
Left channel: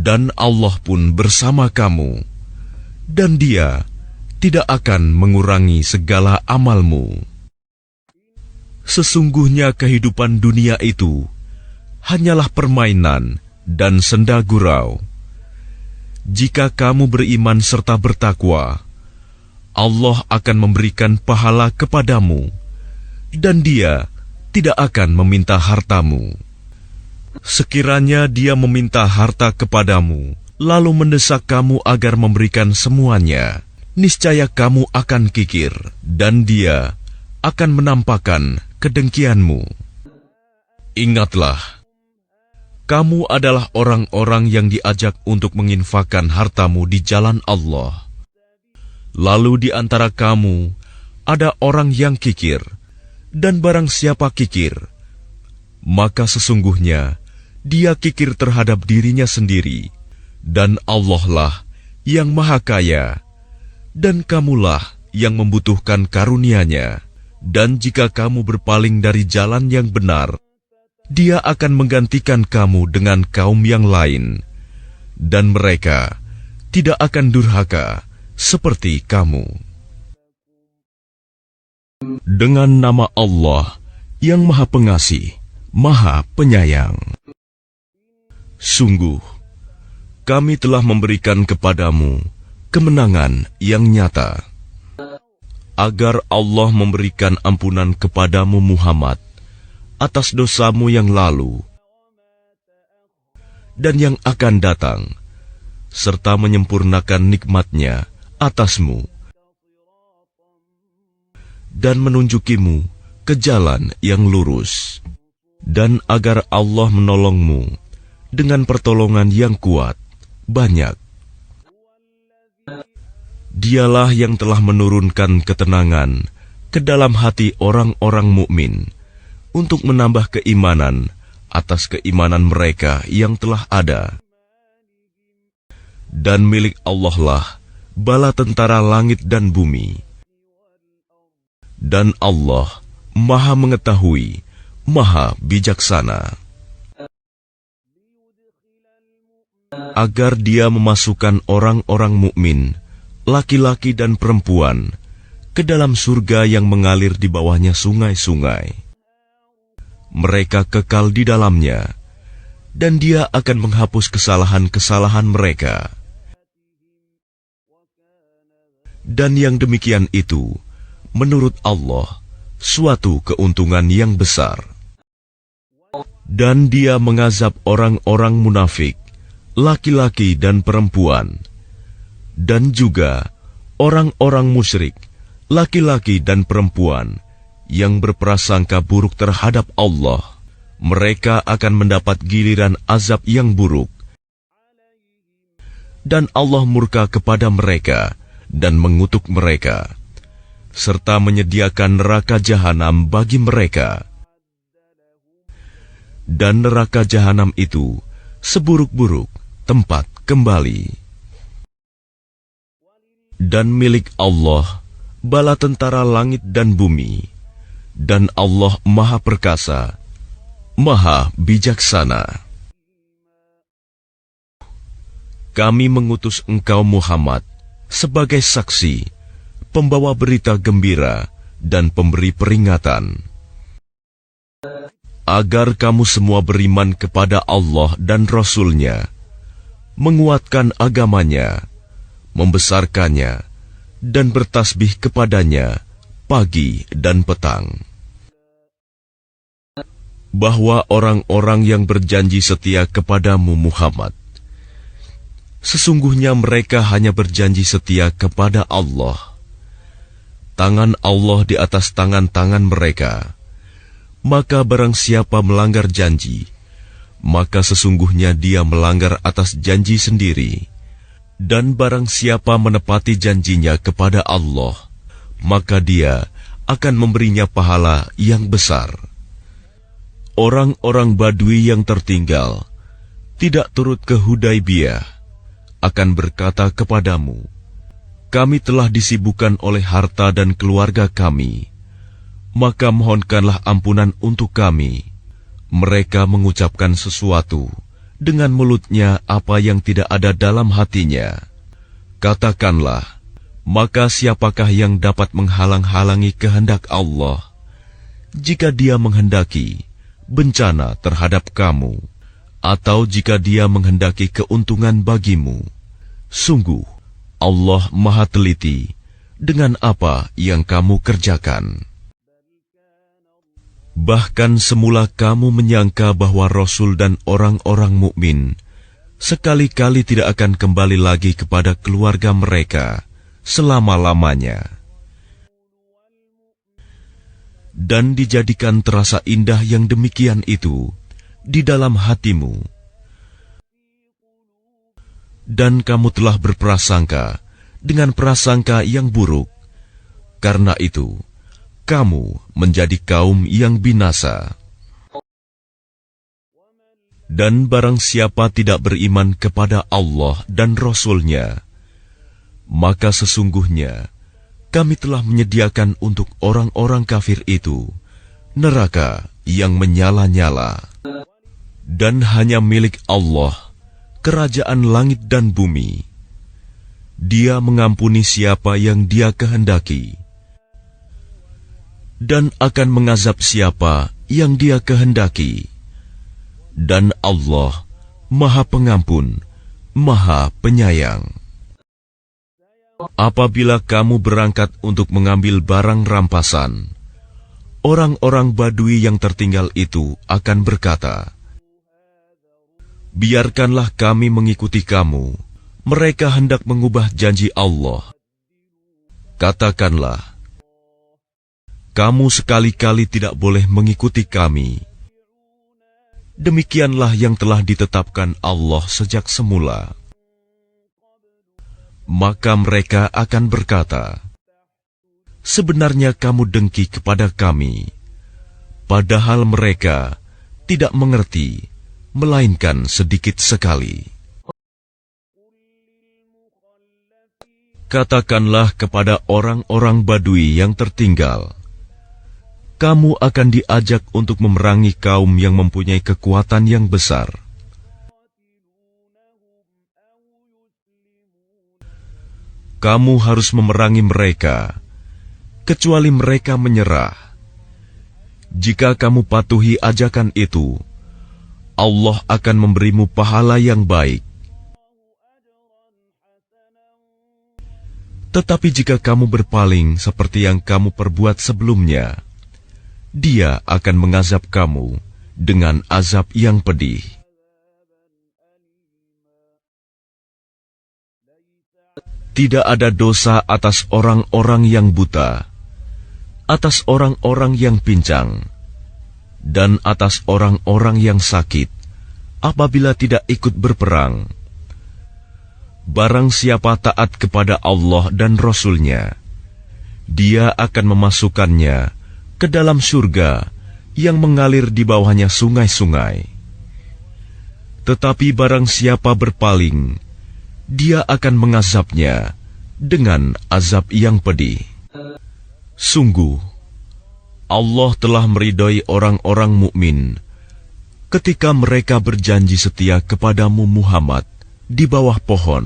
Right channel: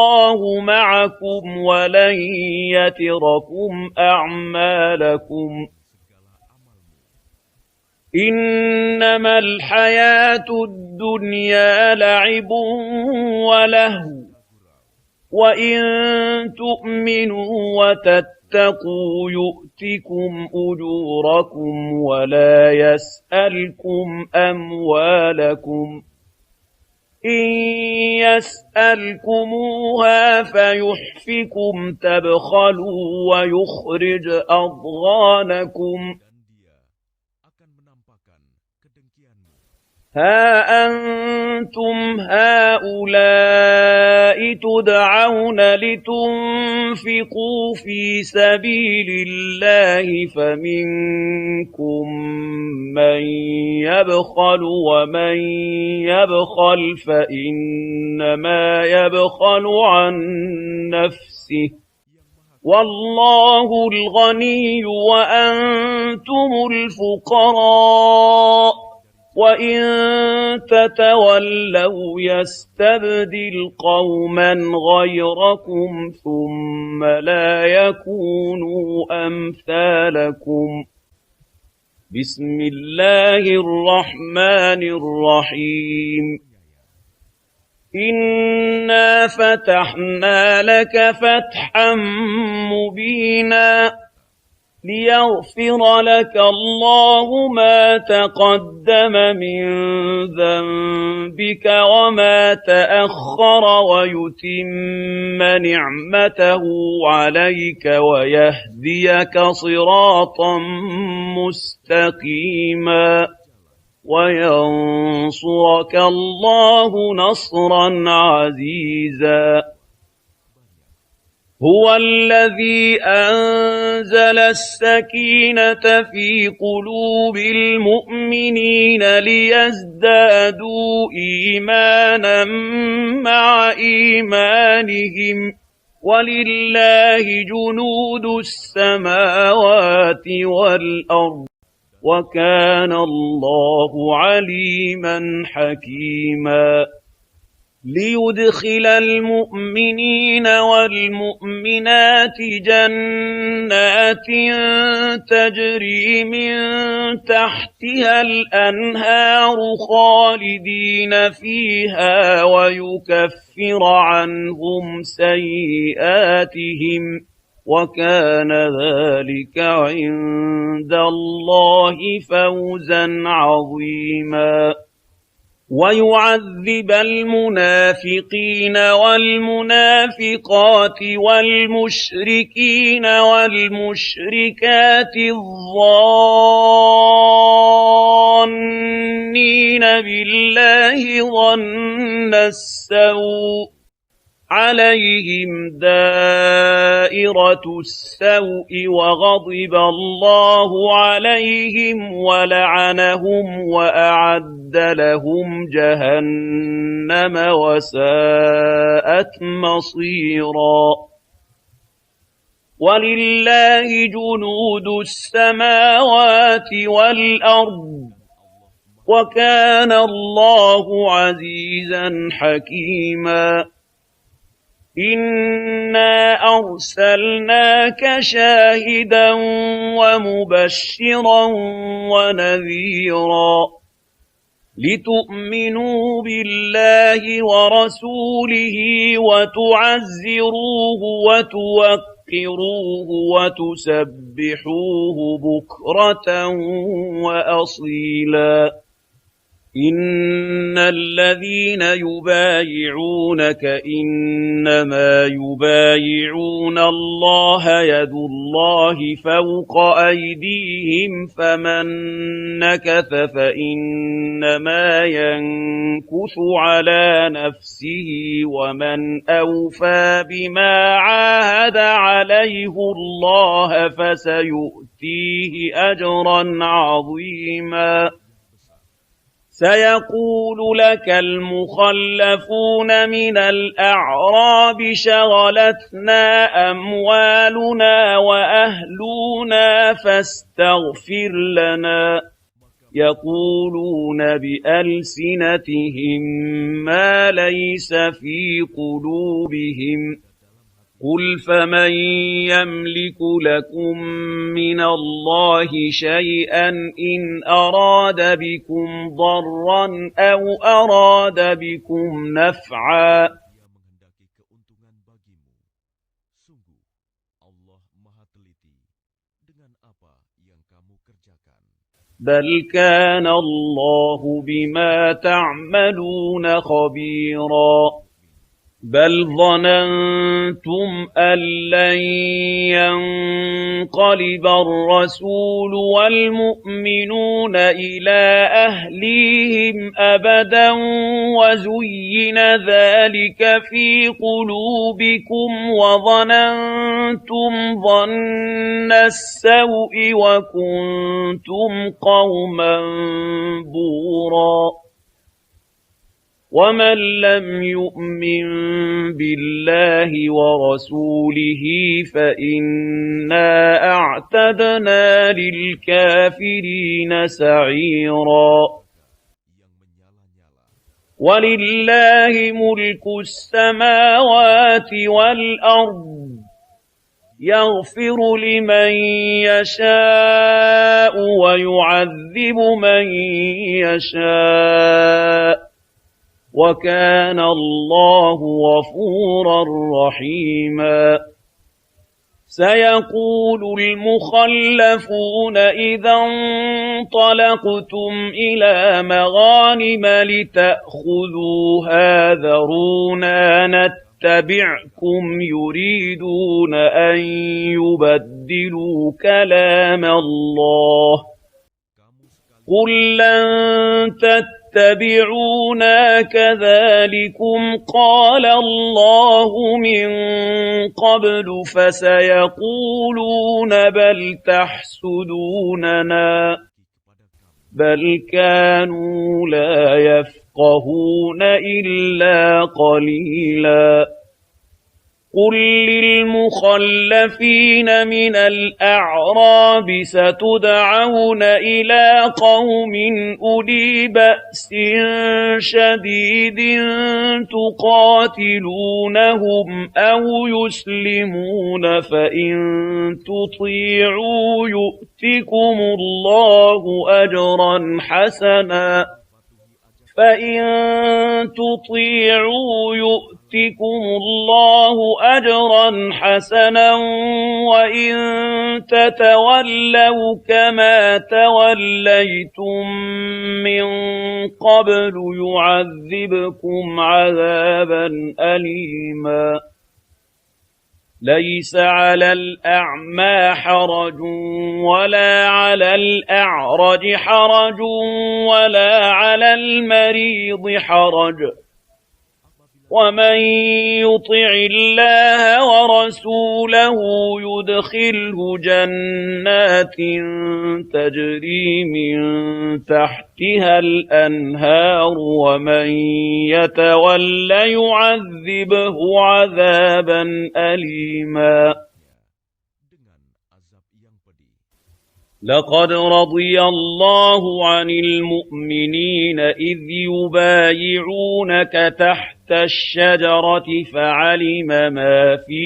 dan Allah pun bersama kamu, dan Dia tidak akan mengurangi segala amalmu. Sesungguhnya kehidupan dunia itu hanyalah permainan dan senda gurau. Jika kamu beriman serta bertakwa, Allah akan memberikan pahala kepadamu, dan Dia tidak akan meminta hartamu. Sekiranya Dia meminta harta kepadamu, lalu mendesak kamu agar memberikan semuanya, niscaya kamu akan kikir, dan Dia akan menampakkan kedengkianmu. Ingatlah, kamu adalah orang-orang yang diajak untuk menginfakkan hartamu di jalan Allah. Lalu di antara kamu ada orang yang kikir, dan barang siapa kikir, maka sesungguhnya dia kikir terhadap dirinya sendiri, dan Allah lah yang Maha Kaya, dan kamulah yang membutuhkan karunia-Nya. Dan jika kamu berpaling dari jalan yang benar, Dia akan menggantikan kamu dengan kaum yang lain, dan mereka tidak akan durhaka seperti kamu. Dengan nama Allah yang Maha Pengasih, Maha Penyayang. Sungguh, kami telah memberikan kepadamu kemenangan yang nyata, agar Allah memberikan ampunan kepadamu Muhammad atas dosamu yang lalu dan yang akan datang, serta menyempurnakan nikmat-Nya atasmu dan menunjukimu ke jalan yang lurus, dan agar Allah menolongmu dengan pertolongan yang kuat, banyak Dialah yang telah menurunkan ketenangan ke dalam hati orang-orang mukmin untuk menambah keimanan atas keimanan mereka yang telah ada. Dan milik Allah lah bala tentara langit dan bumi. Dan Allah Maha Mengetahui, Maha Bijaksana. Agar Dia memasukkan orang-orang mukmin, laki-laki dan perempuan, ke dalam surga yang mengalir di bawahnya sungai-sungai. Mereka kekal di dalamnya, dan Dia akan menghapus kesalahan-kesalahan mereka. Dan yang demikian itu, menurut Allah, suatu keuntungan yang besar. Dan Dia mengazab orang-orang munafik, laki-laki dan perempuan, dan juga orang-orang musyrik, laki-laki dan perempuan, yang berprasangka buruk terhadap Allah. Mereka akan mendapat giliran azab yang buruk. Dan Allah murka kepada mereka dan mengutuk mereka, serta menyediakan neraka jahanam bagi mereka. Dan neraka jahanam itu seburuk-buruk tempat kembali. Dan milik Allah bala tentara langit dan bumi. Dan Allah Maha Perkasa, Maha Bijaksana. Kami mengutus engkau Muhammad sebagai saksi, pembawa berita gembira dan pemberi peringatan, agar kamu semua beriman kepada Allah dan Rasul-Nya, menguatkan agamanya, membesarkannya, dan bertasbih kepadanya pagi dan petang. Bahwa orang-orang yang berjanji setia kepadamu Muhammad, sesungguhnya mereka hanya berjanji setia kepada Allah. Tangan Allah di atas tangan-tangan mereka. Maka barang siapa melanggar janji, maka sesungguhnya dia melanggar atas janji sendiri. Dan barang siapa menepati janjinya kepada Allah, maka dia akan memberinya pahala yang besar. Orang-orang Badui yang tertinggal, tidak turut ke Hudaibiyah, akan berkata kepadamu, kami telah disibukkan oleh harta dan keluarga kami. Maka mohonkanlah ampunan untuk kami. Mereka mengucapkan sesuatu dengan mulutnya apa yang tidak ada dalam hatinya. Katakanlah, maka siapakah yang dapat menghalang-halangi kehendak Allah jika Dia menghendaki bencana terhadap kamu, atau jika Dia menghendaki keuntungan bagimu? Sungguh, Allah Maha Teliti dengan apa yang kamu kerjakan. Bahkan semula kamu menyangka bahwa Rasul dan orang-orang mukmin sekali-kali tidak akan kembali lagi kepada keluarga mereka selama-lamanya. Dan dijadikan terasa indah yang demikian itu di dalam hatimu. Dan kamu telah berprasangka dengan prasangka yang buruk. Karena itu, kamu menjadi kaum yang binasa. Dan barang siapa tidak beriman kepada Allah dan Rasul-Nya, maka sesungguhnya kami telah menyediakan untuk orang-orang kafir itu neraka yang menyala-nyala. Dan hanya milik Allah kerajaan langit dan bumi. Dia mengampuni siapa yang Dia kehendaki, dan akan mengazab siapa yang Dia kehendaki. Dan Allah Maha Pengampun, Maha Penyayang. Apabila kamu berangkat untuk mengambil barang rampasan, orang-orang Badui yang tertinggal itu akan berkata, biarkanlah kami mengikuti kamu. Mereka hendak mengubah janji Allah. Katakanlah, kamu sekali-kali tidak boleh mengikuti kami. Demikianlah yang telah ditetapkan Allah sejak semula. Maka mereka akan berkata, sebenarnya kamu dengki kepada kami, padahal mereka tidak mengerti, melainkan sedikit sekali. Katakanlah kepada orang-orang Badui yang tertinggal, kamu akan diajak untuk memerangi kaum yang mempunyai kekuatan yang besar. Kamu harus memerangi mereka, kecuali mereka menyerah. Jika kamu patuhi ajakan itu, Allah akan memberimu pahala yang baik. Tetapi jika kamu berpaling seperti yang kamu perbuat sebelumnya, Dia akan mengazab kamu dengan azab yang pedih. Tidak ada dosa atas orang-orang yang buta, atas orang-orang yang pincang, dan atas orang-orang yang sakit, apabila tidak ikut berperang. Barang siapa taat kepada Allah dan Rasul-Nya, Dia akan memasukkannya ke dalam surga yang mengalir di bawahnya sungai-sungai. Tetapi barang siapa berpaling, Dia akan mengazabnya dengan azab yang pedih. Sungguh, Allah telah meridhai orang-orang mukmin ketika mereka berjanji setia kepadamu Muhammad di bawah pohon.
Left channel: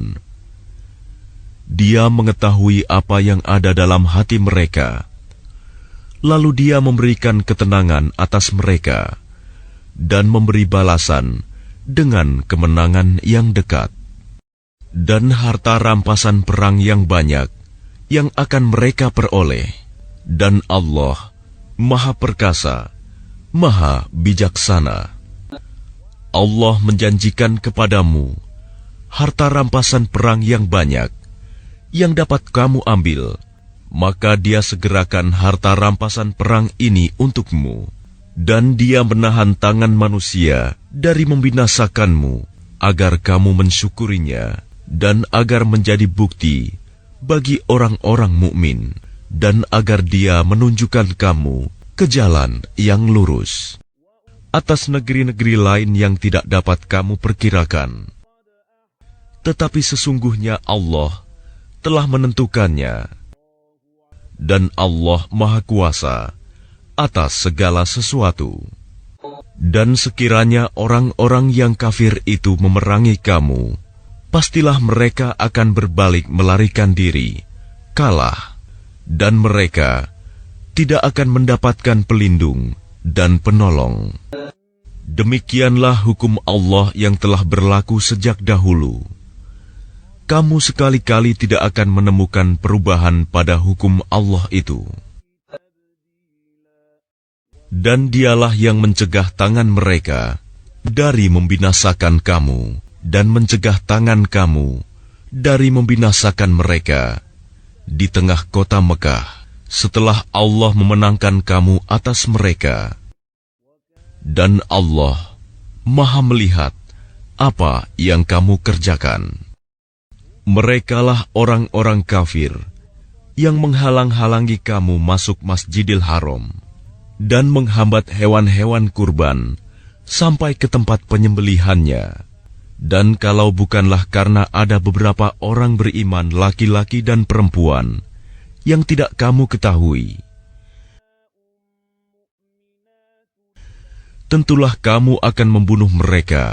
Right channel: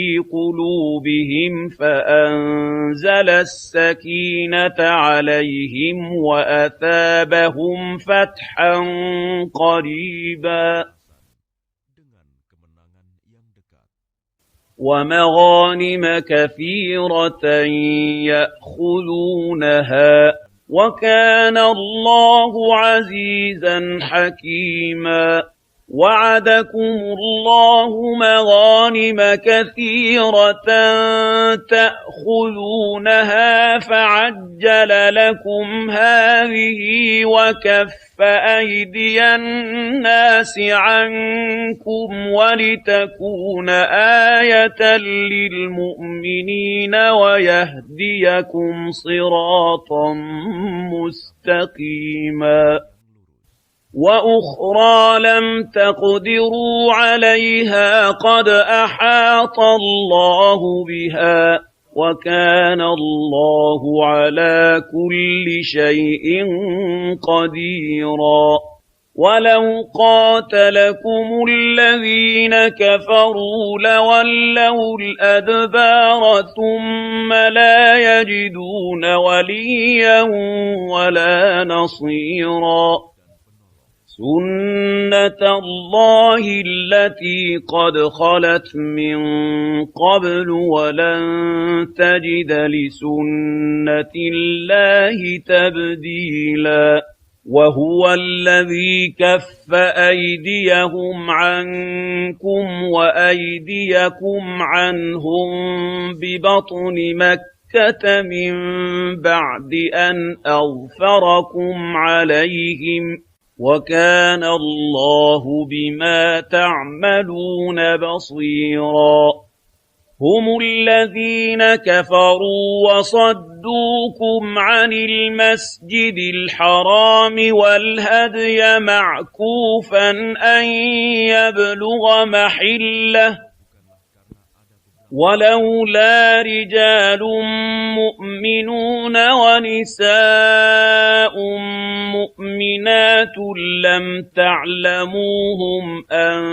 Dia mengetahui apa yang ada dalam hati mereka, lalu Dia memberikan ketenangan atas mereka dan memberi balasan dengan kemenangan yang dekat. Dan harta rampasan perang yang banyak yang akan mereka peroleh. Dan Allah Maha Perkasa, Maha Bijaksana. Allah menjanjikan kepadamu harta rampasan perang yang banyak yang dapat kamu ambil. Maka Dia segerakan harta rampasan perang ini untukmu. Dan Dia menahan tangan manusia dari membinasakanmu, agar kamu mensyukurinya, dan agar menjadi bukti bagi orang-orang mukmin, dan agar Dia menunjukkan kamu ke jalan yang lurus. Atas negeri-negeri lain yang tidak dapat kamu perkirakan, tetapi sesungguhnya Allah telah menentukannya, dan Allah Maha Kuasa atas segala sesuatu. Dan sekiranya orang-orang yang kafir itu memerangi kamu, pastilah mereka akan berbalik melarikan diri, kalah, dan mereka tidak akan mendapatkan pelindung dan penolong. Demikianlah hukum Allah yang telah berlaku sejak dahulu. Kamu sekali-kali tidak akan menemukan perubahan pada hukum Allah itu. Dan Dialah yang mencegah tangan mereka dari membinasakan kamu, dan mencegah tangan kamu dari membinasakan mereka di tengah kota Mekah, setelah Allah memenangkan kamu atas mereka. Dan Allah Maha melihat apa yang kamu kerjakan. Merekalah orang-orang kafir yang menghalang-halangi kamu masuk Masjidil Haram dan menghambat hewan-hewan kurban sampai ke tempat penyembelihannya. Dan kalau bukanlah karena ada beberapa orang beriman, laki-laki dan perempuan, yang tidak kamu ketahui, tentulah kamu akan membunuh mereka,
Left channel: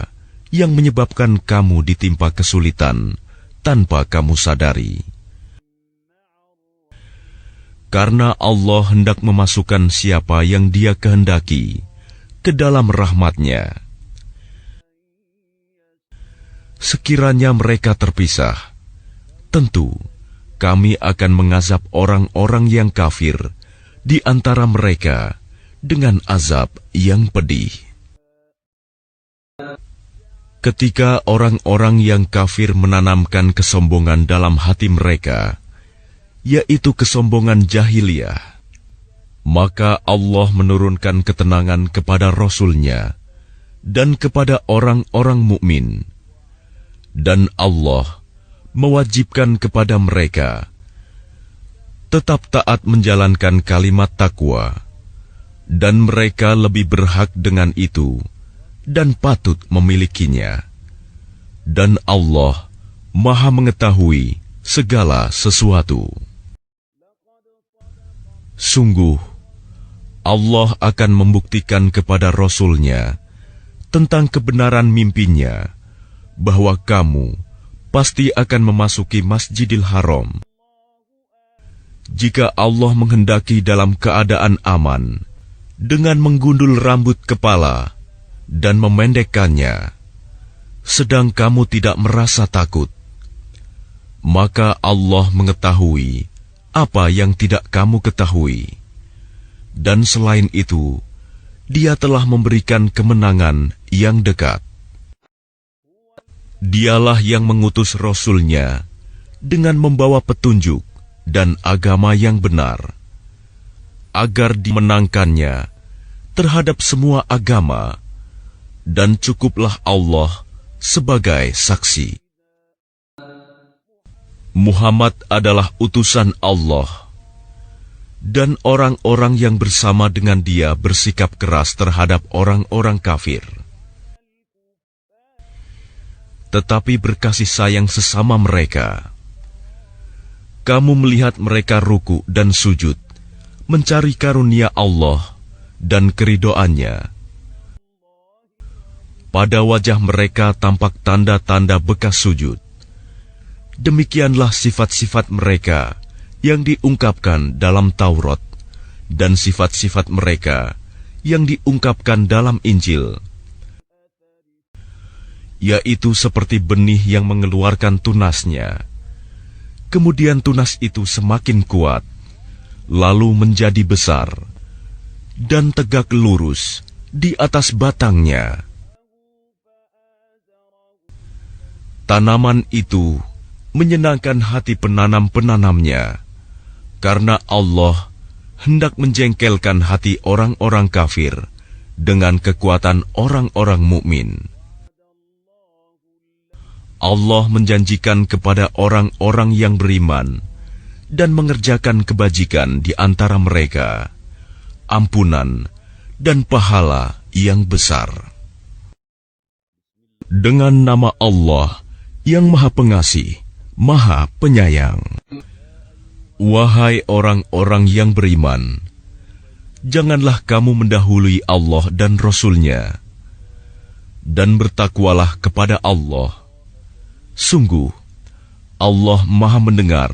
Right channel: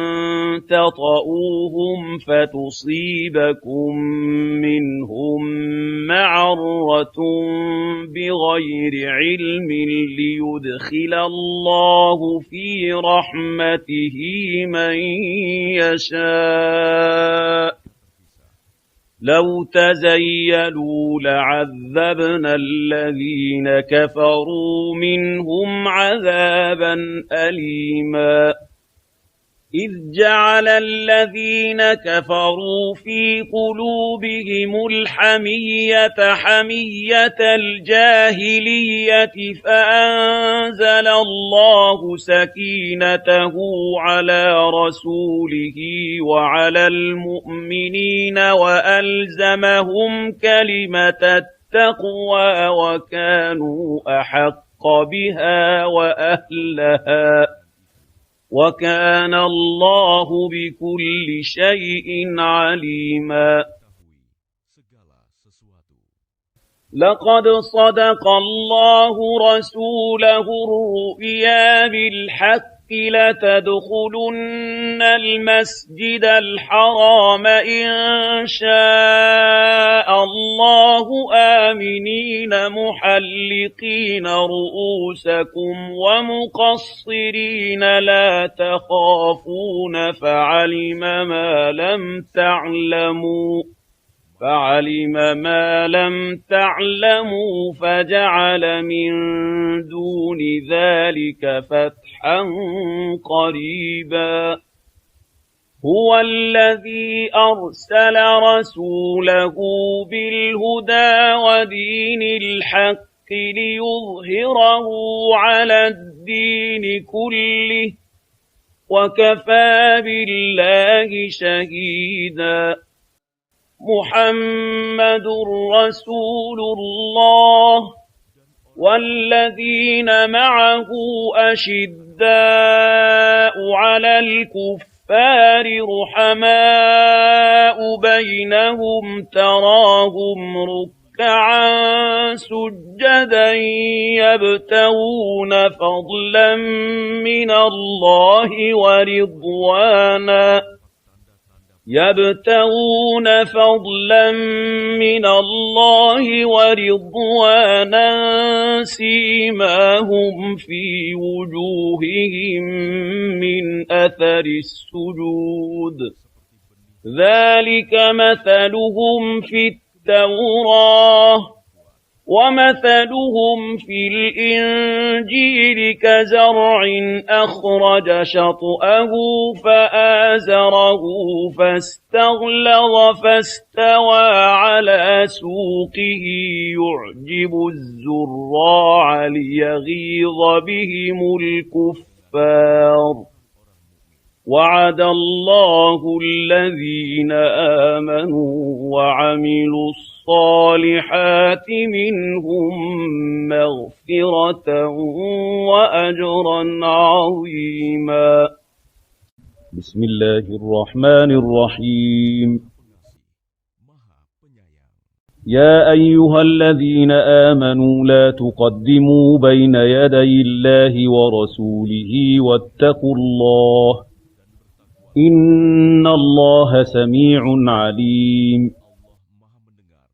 yang menyebabkan kamu ditimpa kesulitan tanpa kamu sadari. Karena Allah hendak memasukkan siapa yang Dia kehendaki ke dalam rahmat-Nya. Sekiranya mereka terpisah, tentu kami akan mengazab orang-orang yang kafir di antara mereka dengan azab yang pedih. Ketika orang-orang yang kafir menanamkan kesombongan dalam hati mereka, yaitu kesombongan jahiliyah, maka Allah menurunkan ketenangan kepada Rasul-Nya dan kepada orang-orang mukmin Dan Allah mewajibkan kepada mereka tetap taat menjalankan kalimat takwa, dan mereka lebih berhak dengan itu dan patut memilikinya. Dan Allah Maha mengetahui segala sesuatu. Sungguh, Allah akan membuktikan kepada Rasul-Nya tentang kebenaran mimpinya bahwa kamu pasti akan memasuki Masjidil Haram jika Allah menghendaki dalam keadaan aman, dengan menggundul rambut kepala dan memendekkannya, sedang kamu tidak merasa takut. Maka Allah mengetahui apa yang tidak kamu ketahui. Dan selain itu, Dia telah memberikan kemenangan yang dekat. Dialah yang mengutus Rasul-Nya dengan membawa petunjuk dan agama yang benar, agar dimenangkannya terhadap semua agama, dan cukuplah Allah sebagai saksi. Muhammad adalah utusan Allah, dan orang-orang yang bersama dengan Dia bersikap keras terhadap orang-orang kafir, tetapi berkasih sayang sesama mereka. Kamu melihat mereka ruku dan sujud, mencari karunia Allah dan keridhoannya. Pada wajah mereka tampak tanda-tanda bekas sujud. Demikianlah sifat-sifat mereka yang diungkapkan dalam Taurat, dan sifat-sifat mereka yang diungkapkan dalam Injil, yaitu seperti benih yang mengeluarkan tunasnya. Kemudian tunas itu semakin kuat, lalu menjadi besar dan tegak lurus di atas batangnya. Tanaman itu menyenangkan hati penanam-penanamnya, karena Allah hendak menjengkelkan hati orang-orang kafir dengan kekuatan orang-orang mukmin. Allah menjanjikan kepada orang-orang yang beriman dan mengerjakan kebajikan di antara mereka ampunan dan pahala yang besar. Dengan nama Allah yang Maha Pengasih, Maha Penyayang. Wahai orang-orang yang beriman, janganlah kamu mendahului Allah dan Rasul-Nya, dan bertakwalah kepada Allah. Sungguh, Allah Maha Mendengar,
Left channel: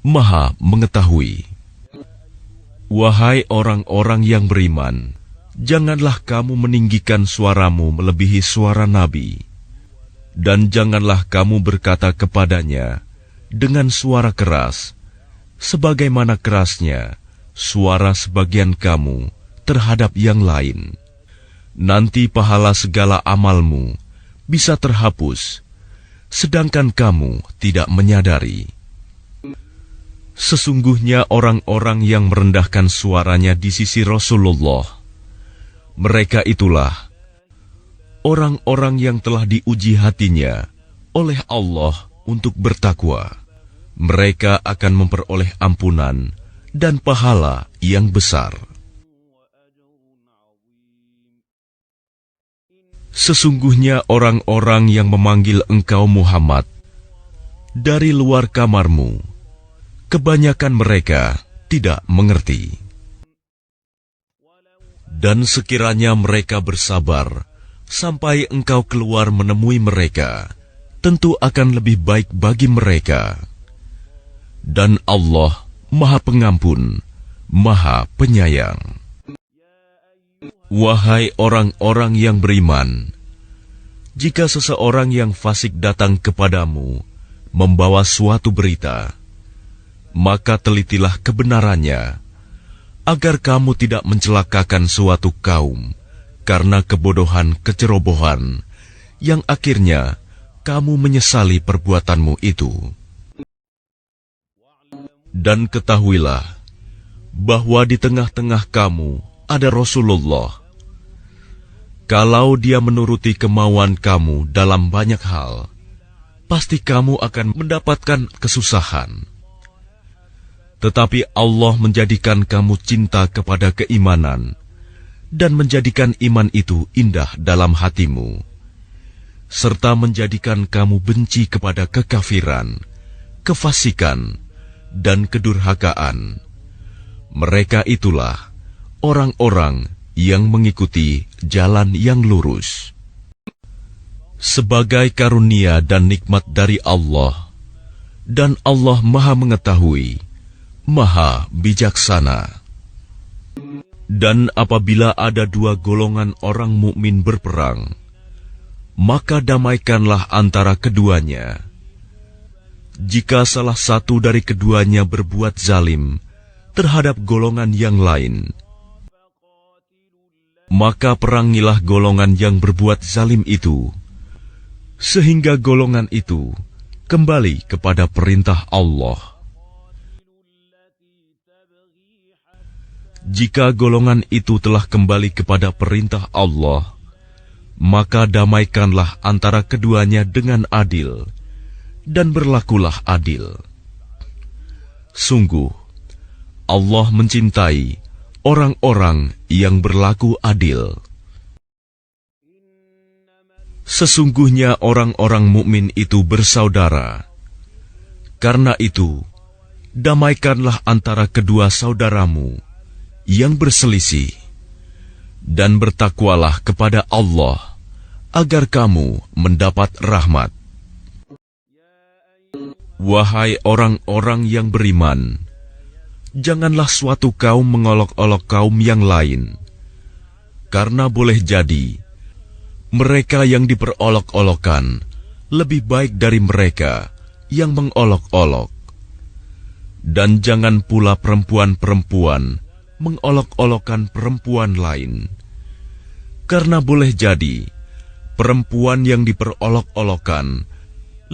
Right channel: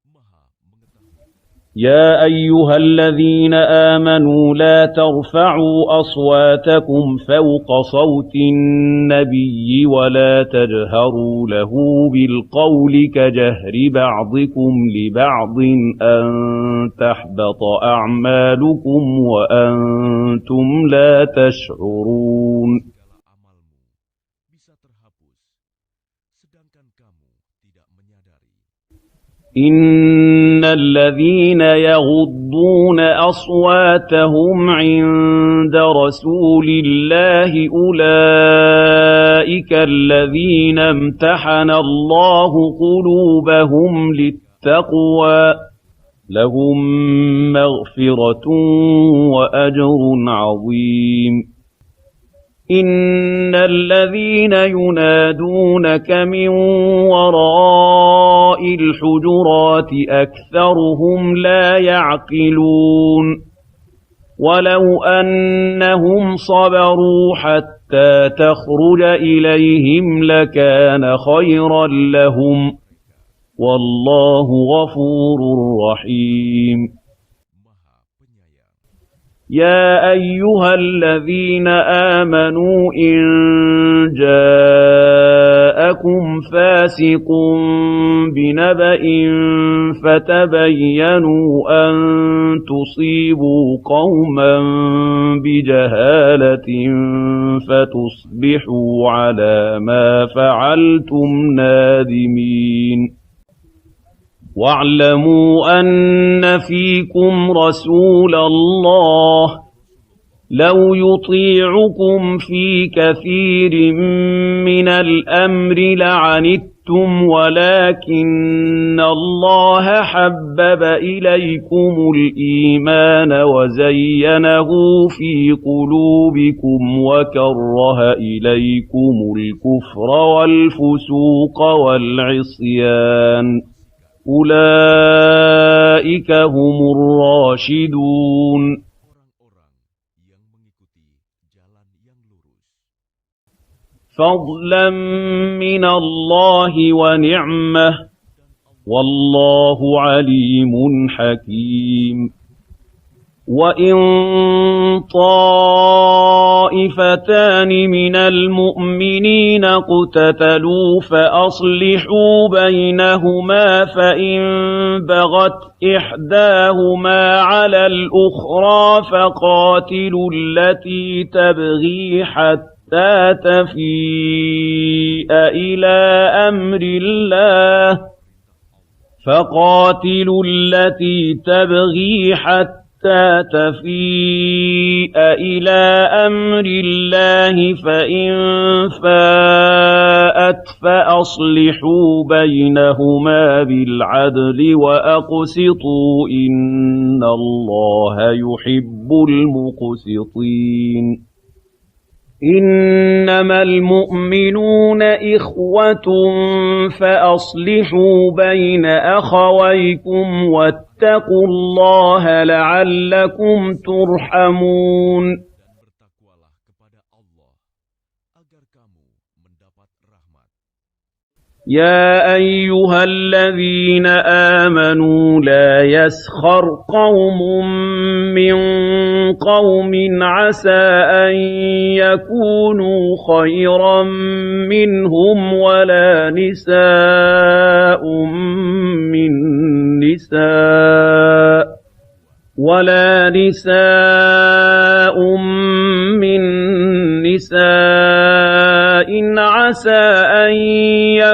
Maha Mengetahui. Wahai orang-orang yang beriman, janganlah kamu meninggikan suaramu melebihi suara Nabi, dan janganlah kamu berkata kepadanya dengan suara keras, sebagaimana kerasnya suara sebagian kamu terhadap yang lain. Nanti pahala segala amalmu bisa terhapus, sedangkan kamu tidak menyadari. Sesungguhnya orang-orang yang merendahkan suaranya di sisi Rasulullah, mereka itulah orang-orang yang telah diuji hatinya oleh Allah untuk bertakwa. Mereka akan memperoleh ampunan dan pahala yang besar. Sesungguhnya orang-orang yang memanggil engkau Muhammad dari luar kamarmu, kebanyakan mereka tidak mengerti. Dan sekiranya mereka bersabar sampai engkau keluar menemui mereka, tentu akan lebih baik bagi mereka. Dan Allah Maha Pengampun, Maha Penyayang. Wahai orang-orang yang beriman, jika seseorang yang fasik datang kepadamu membawa suatu berita, maka telitilah kebenarannya, agar kamu tidak mencelakakan suatu kaum karena kebodohan kecerobohan, yang akhirnya kamu menyesali perbuatanmu itu. Dan ketahuilah bahwa di tengah-tengah kamu ada Rasulullah. Kalau dia menuruti kemauan kamu dalam banyak hal, pasti kamu akan mendapatkan kesusahan. Tetapi Allah menjadikan kamu cinta kepada keimanan dan menjadikan iman itu indah dalam hatimu, serta menjadikan kamu benci kepada kekafiran, kefasikan, dan kedurhakaan. Mereka itulah orang-orang yang mengikuti jalan yang lurus. Sebagai karunia dan nikmat dari Allah, dan Allah Maha Mengetahui, Maha Bijaksana. Dan apabila ada dua golongan orang mukmin berperang, maka damaikanlah antara keduanya. Jika salah satu dari keduanya berbuat zalim terhadap golongan yang lain, maka perangilah golongan yang berbuat zalim itu, sehingga golongan itu kembali kepada perintah Allah. Jika golongan itu telah kembali kepada perintah Allah, maka damaikanlah antara keduanya dengan adil, dan berlakulah adil. Sungguh, Allah mencintai orang-orang yang berlaku adil. Sesungguhnya orang-orang mukmin itu bersaudara. Karena itu, damaikanlah antara kedua saudaramu yang berselisih, dan bertakwalah kepada Allah, agar kamu mendapat rahmat. Wahai orang-orang yang beriman, janganlah suatu kaum mengolok-olok kaum yang lain, karena boleh jadi mereka yang diperolok-olokkan lebih baik dari mereka yang mengolok-olok. Dan jangan pula perempuan-perempuan mengolok-olokkan perempuan lain, karena boleh jadi perempuan yang diperolok-olokkan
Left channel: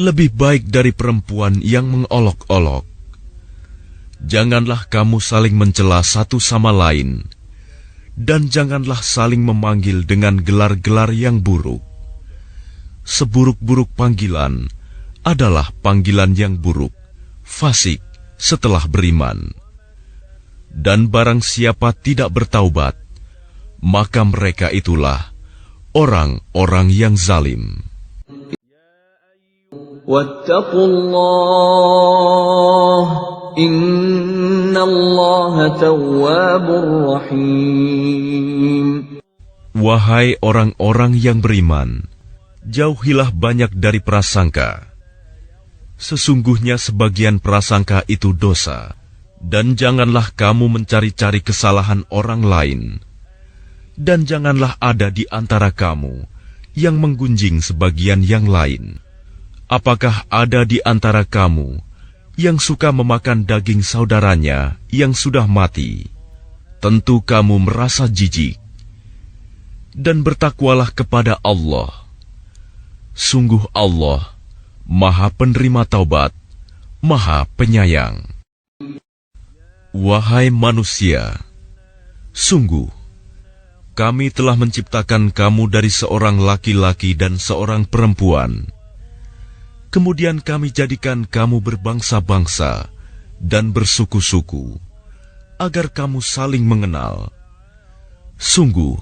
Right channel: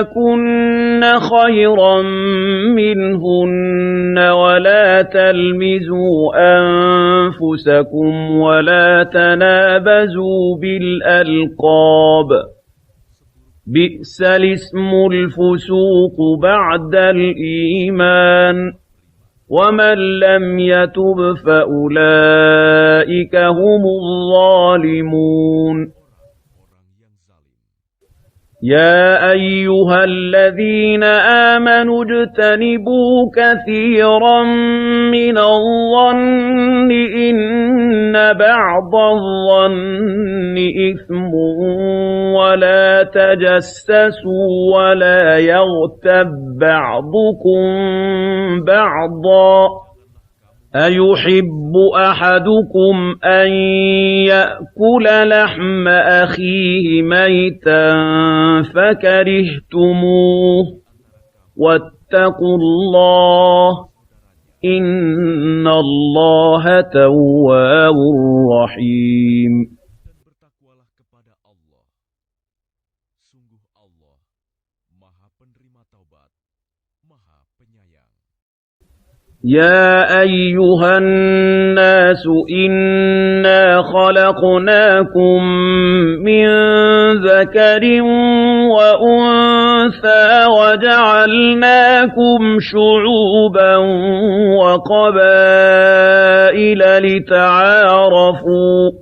lebih baik dari perempuan yang mengolok-olok. Janganlah kamu saling mencela satu sama lain, dan janganlah saling memanggil dengan gelar-gelar yang buruk. Seburuk-buruk panggilan adalah panggilan yang buruk, fasik setelah beriman. Dan barang siapa tidak bertaubat, maka mereka itulah orang-orang yang zalim. Ya ayyuhalladzina amanu ijtanibu katsiran minadh-dhanni inna ba'dadh-dhanni. Wahai orang-orang yang beriman, jauhilah banyak dari prasangka. Sesungguhnya sebagian prasangka itu dosa. Dan janganlah kamu mencari-cari kesalahan orang lain. Dan janganlah ada di antara kamu yang menggunjing sebagian yang lain. Apakah ada di antara kamu yang suka memakan daging saudaranya yang sudah mati? Tentu kamu merasa jijik. Dan bertakwalah kepada Allah. Sungguh Allah, Maha Penerima Taubat, Maha Penyayang. Wahai manusia, sungguh kami telah menciptakan kamu dari seorang laki-laki dan seorang perempuan. Kemudian kami jadikan kamu berbangsa-bangsa dan bersuku-suku, agar kamu saling mengenal. Sungguh,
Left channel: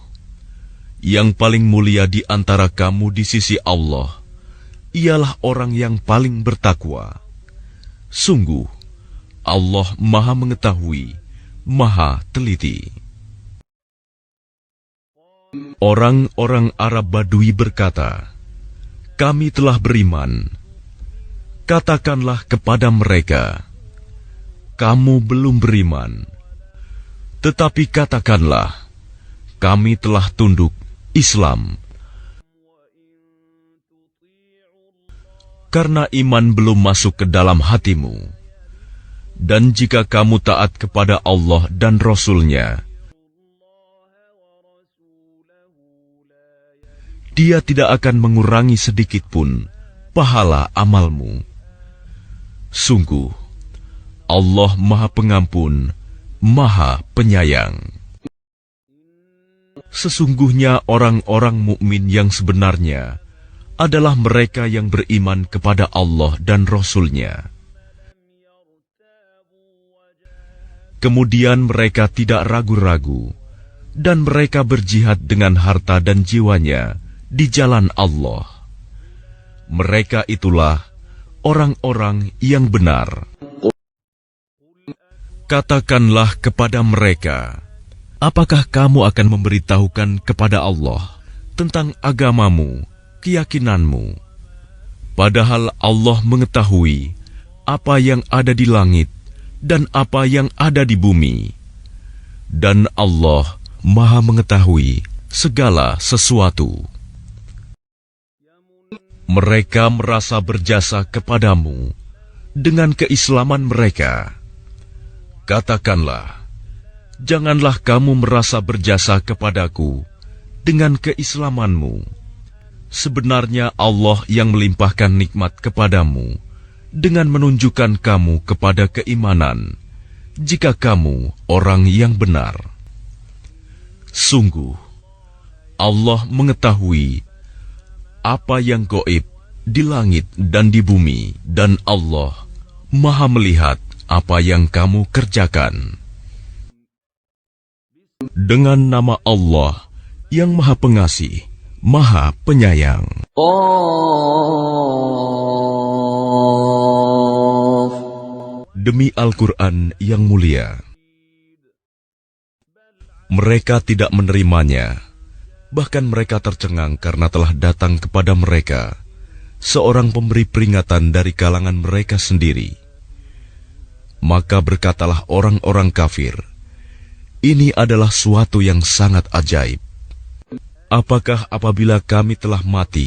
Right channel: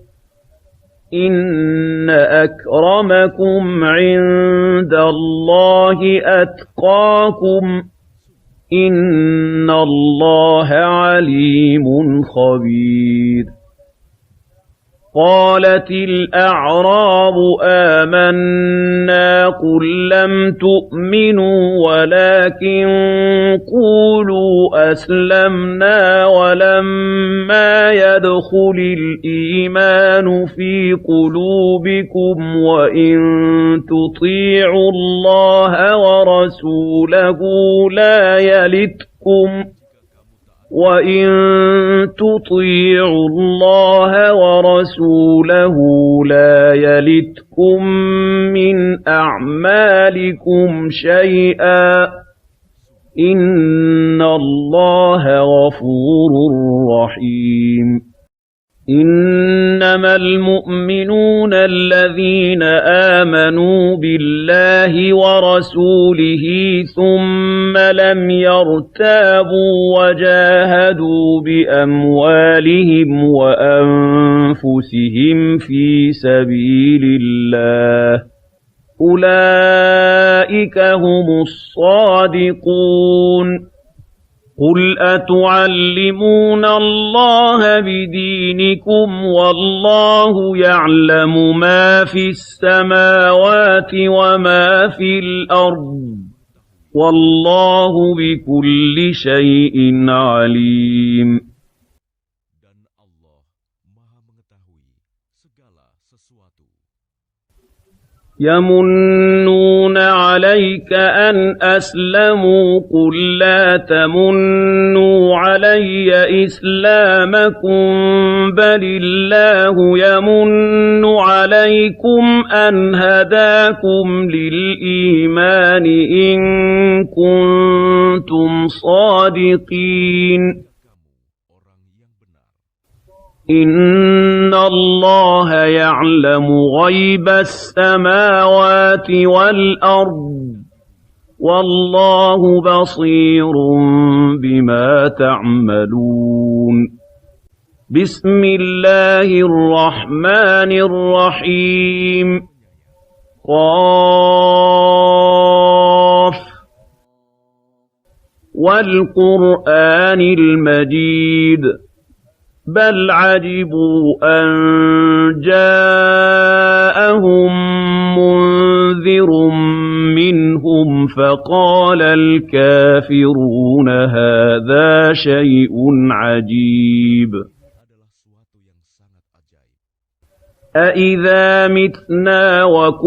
yang paling mulia di antara kamu di sisi Allah ialah orang yang paling bertakwa. Sungguh, Allah Maha Mengetahui, Maha Teliti. Orang-orang Arab Badui berkata, kami telah beriman. Katakanlah kepada mereka, kamu belum beriman. Tetapi katakanlah, kami telah tunduk Islam. Karena iman belum masuk ke dalam hatimu. Dan jika kamu taat kepada Allah dan Rasul-Nya, Dia tidak akan mengurangi sedikitpun pahala amalmu. Sungguh, Inna Allah Maha Pengampun, ghafurur Maha Penyayang. rahim. Innamal Sesungguhnya orang-orang mu'minuna mukmin yang alladzina sebenarnya amanu adalah mereka yang billahi wa beriman kepada Allah dan rasulihi Rasul-Nya. thumma lam yartabu wa jahadu Kemudian mereka tidak biamwalihim ragu-ragu, wa dan mereka berjihad dengan anfusihim harta fi dan jiwanya di jalan sabilillah. Allah. Mereka itulah Ulaika humus orang-orang yang benar. shadiqun. Qul Katakanlah kepada mereka, apakah kamu akan memberitahukan kepada Allah tentang agamamu, keyakinanmu, padahal Allah mengetahui apa yang ada di langit dan apa yang ada di bumi. Dan Allah Maha mengetahui segala sesuatu. Mereka merasa berjasa kepadamu dengan keislaman mereka. Katakanlah, janganlah kamu merasa berjasa kepadaku dengan keislamanmu. Sebenarnya Allah yang melimpahkan nikmat kepadamu dengan menunjukkan kamu kepada keimanan, jika kamu orang yang benar. Sungguh, Allah mengetahui apa yang gaib di langit dan di bumi, dan Allah Maha melihat apa yang kamu kerjakan. Dengan nama Allah yang Maha Pengasih, Maha Penyayang. Demi Al-Quran yang mulia, mereka tidak menerimanya, bahkan mereka tercengang karena telah datang kepada mereka seorang pemberi peringatan dari kalangan mereka sendiri. Maka berkatalah orang-orang kafir, ini adalah suatu yang sangat ajaib. Apakah apabila kami telah mati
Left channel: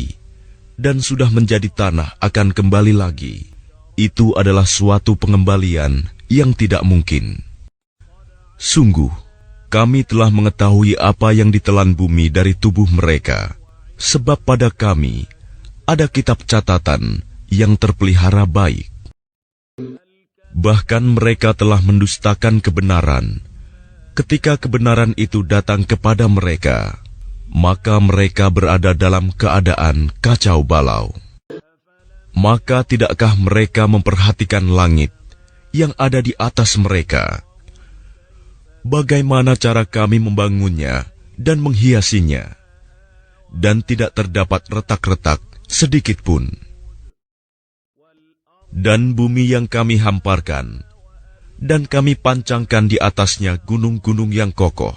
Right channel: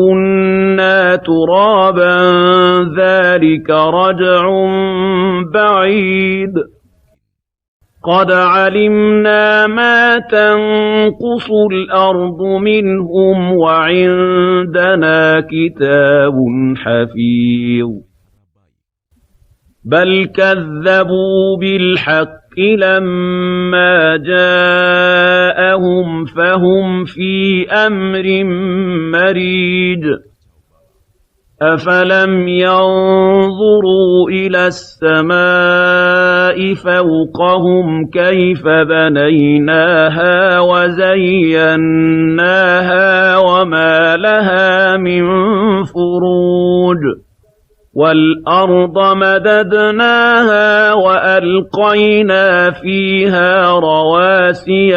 dan sudah menjadi tanah akan kembali lagi? Itu adalah suatu pengembalian yang tidak mungkin. Sungguh, kami telah mengetahui apa yang ditelan bumi dari tubuh mereka, sebab pada kami ada kitab catatan yang terpelihara baik. Bahkan mereka telah mendustakan kebenaran. Ketika kebenaran itu datang kepada mereka, maka mereka berada dalam keadaan kacau balau. Maka tidakkah mereka memperhatikan langit yang ada di atas mereka? Bagaimana cara kami membangunnya dan menghiasinya, dan tidak terdapat retak-retak sedikit pun. Dan bumi yang kami hampakan, dan kami pancangkan di atasnya gunung-gunung yang kokoh,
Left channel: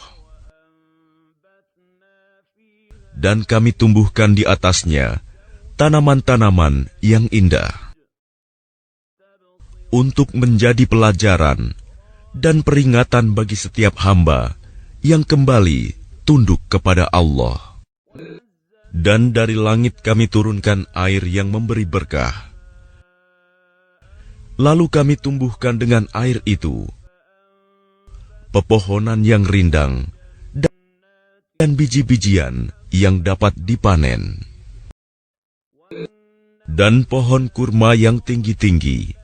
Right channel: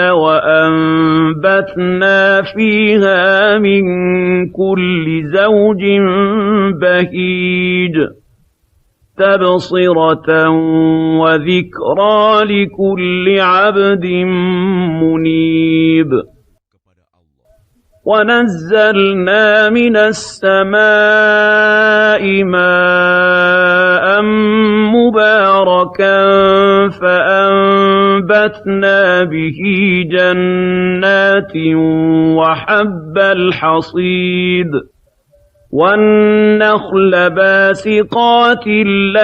dan kami tumbuhkan di atasnya tanaman-tanaman yang indah, untuk menjadi pelajaran dan peringatan bagi setiap hamba yang kembali tunduk kepada Allah. Dan dari langit kami turunkan air yang memberi berkah. Lalu kami tumbuhkan dengan air itu pepohonan yang rindang dan biji-bijian yang dapat dipanen. Dan pohon kurma yang tinggi-tinggi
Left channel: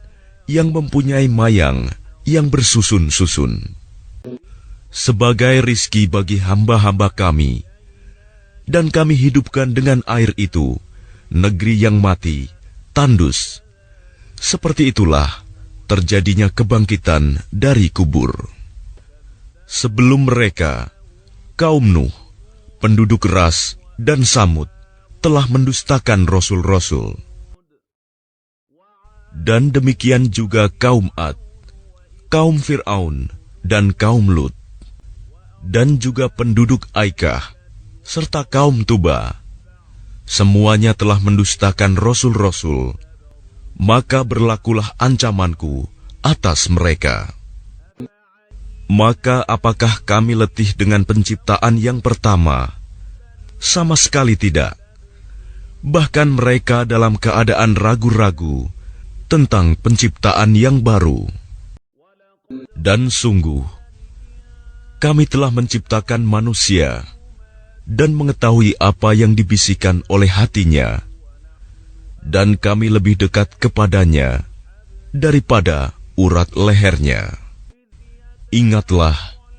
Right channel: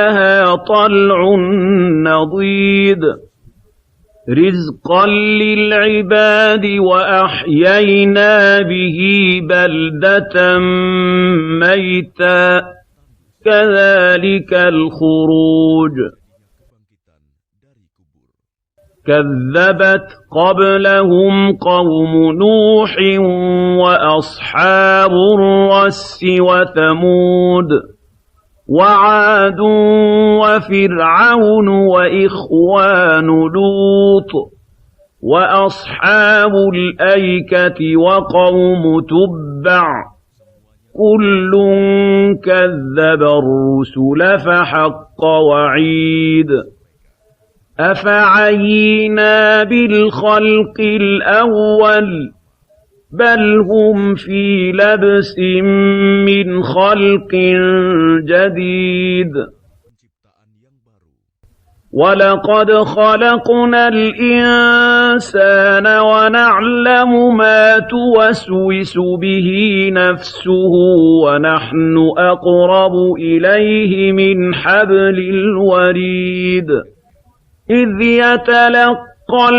yang mempunyai mayang yang bersusun-susun, sebagai rizki bagi hamba-hamba kami, dan kami hidupkan dengan air itu negeri yang mati, tandus. Seperti itulah terjadinya kebangkitan dari kubur. Sebelum mereka, kaum Nuh, penduduk Ras dan Samud telah mendustakan rasul-rasul. Dan demikian juga kaum Ad, kaum Fir'aun, dan kaum Lut, dan juga penduduk Aikah, serta kaum Tubba. Semuanya telah mendustakan rasul-rasul, maka berlakulah ancamanku atas mereka. Maka apakah kami letih dengan penciptaan yang pertama? Sama sekali tidak. Bahkan mereka dalam keadaan ragu-ragu tentang penciptaan yang baru. وَلَقَدْ Dan خَلَقْنَا kami telah الْإِنسَانَ menciptakan manusia وَنَعْلَمُ مَا dan mengetahui تُوَسْوِسُ apa yang بِهِ dibisikkan oleh نَفْسُهُ hatinya, وَنَحْنُ dan kami أَقْرَبُ lebih dekat إِلَيْهِ kepadanya مِنْ حَبْلِ daripada urat الْوَرِيدِ lehernya. إِذْ Ingatlah يَتَلَقَّى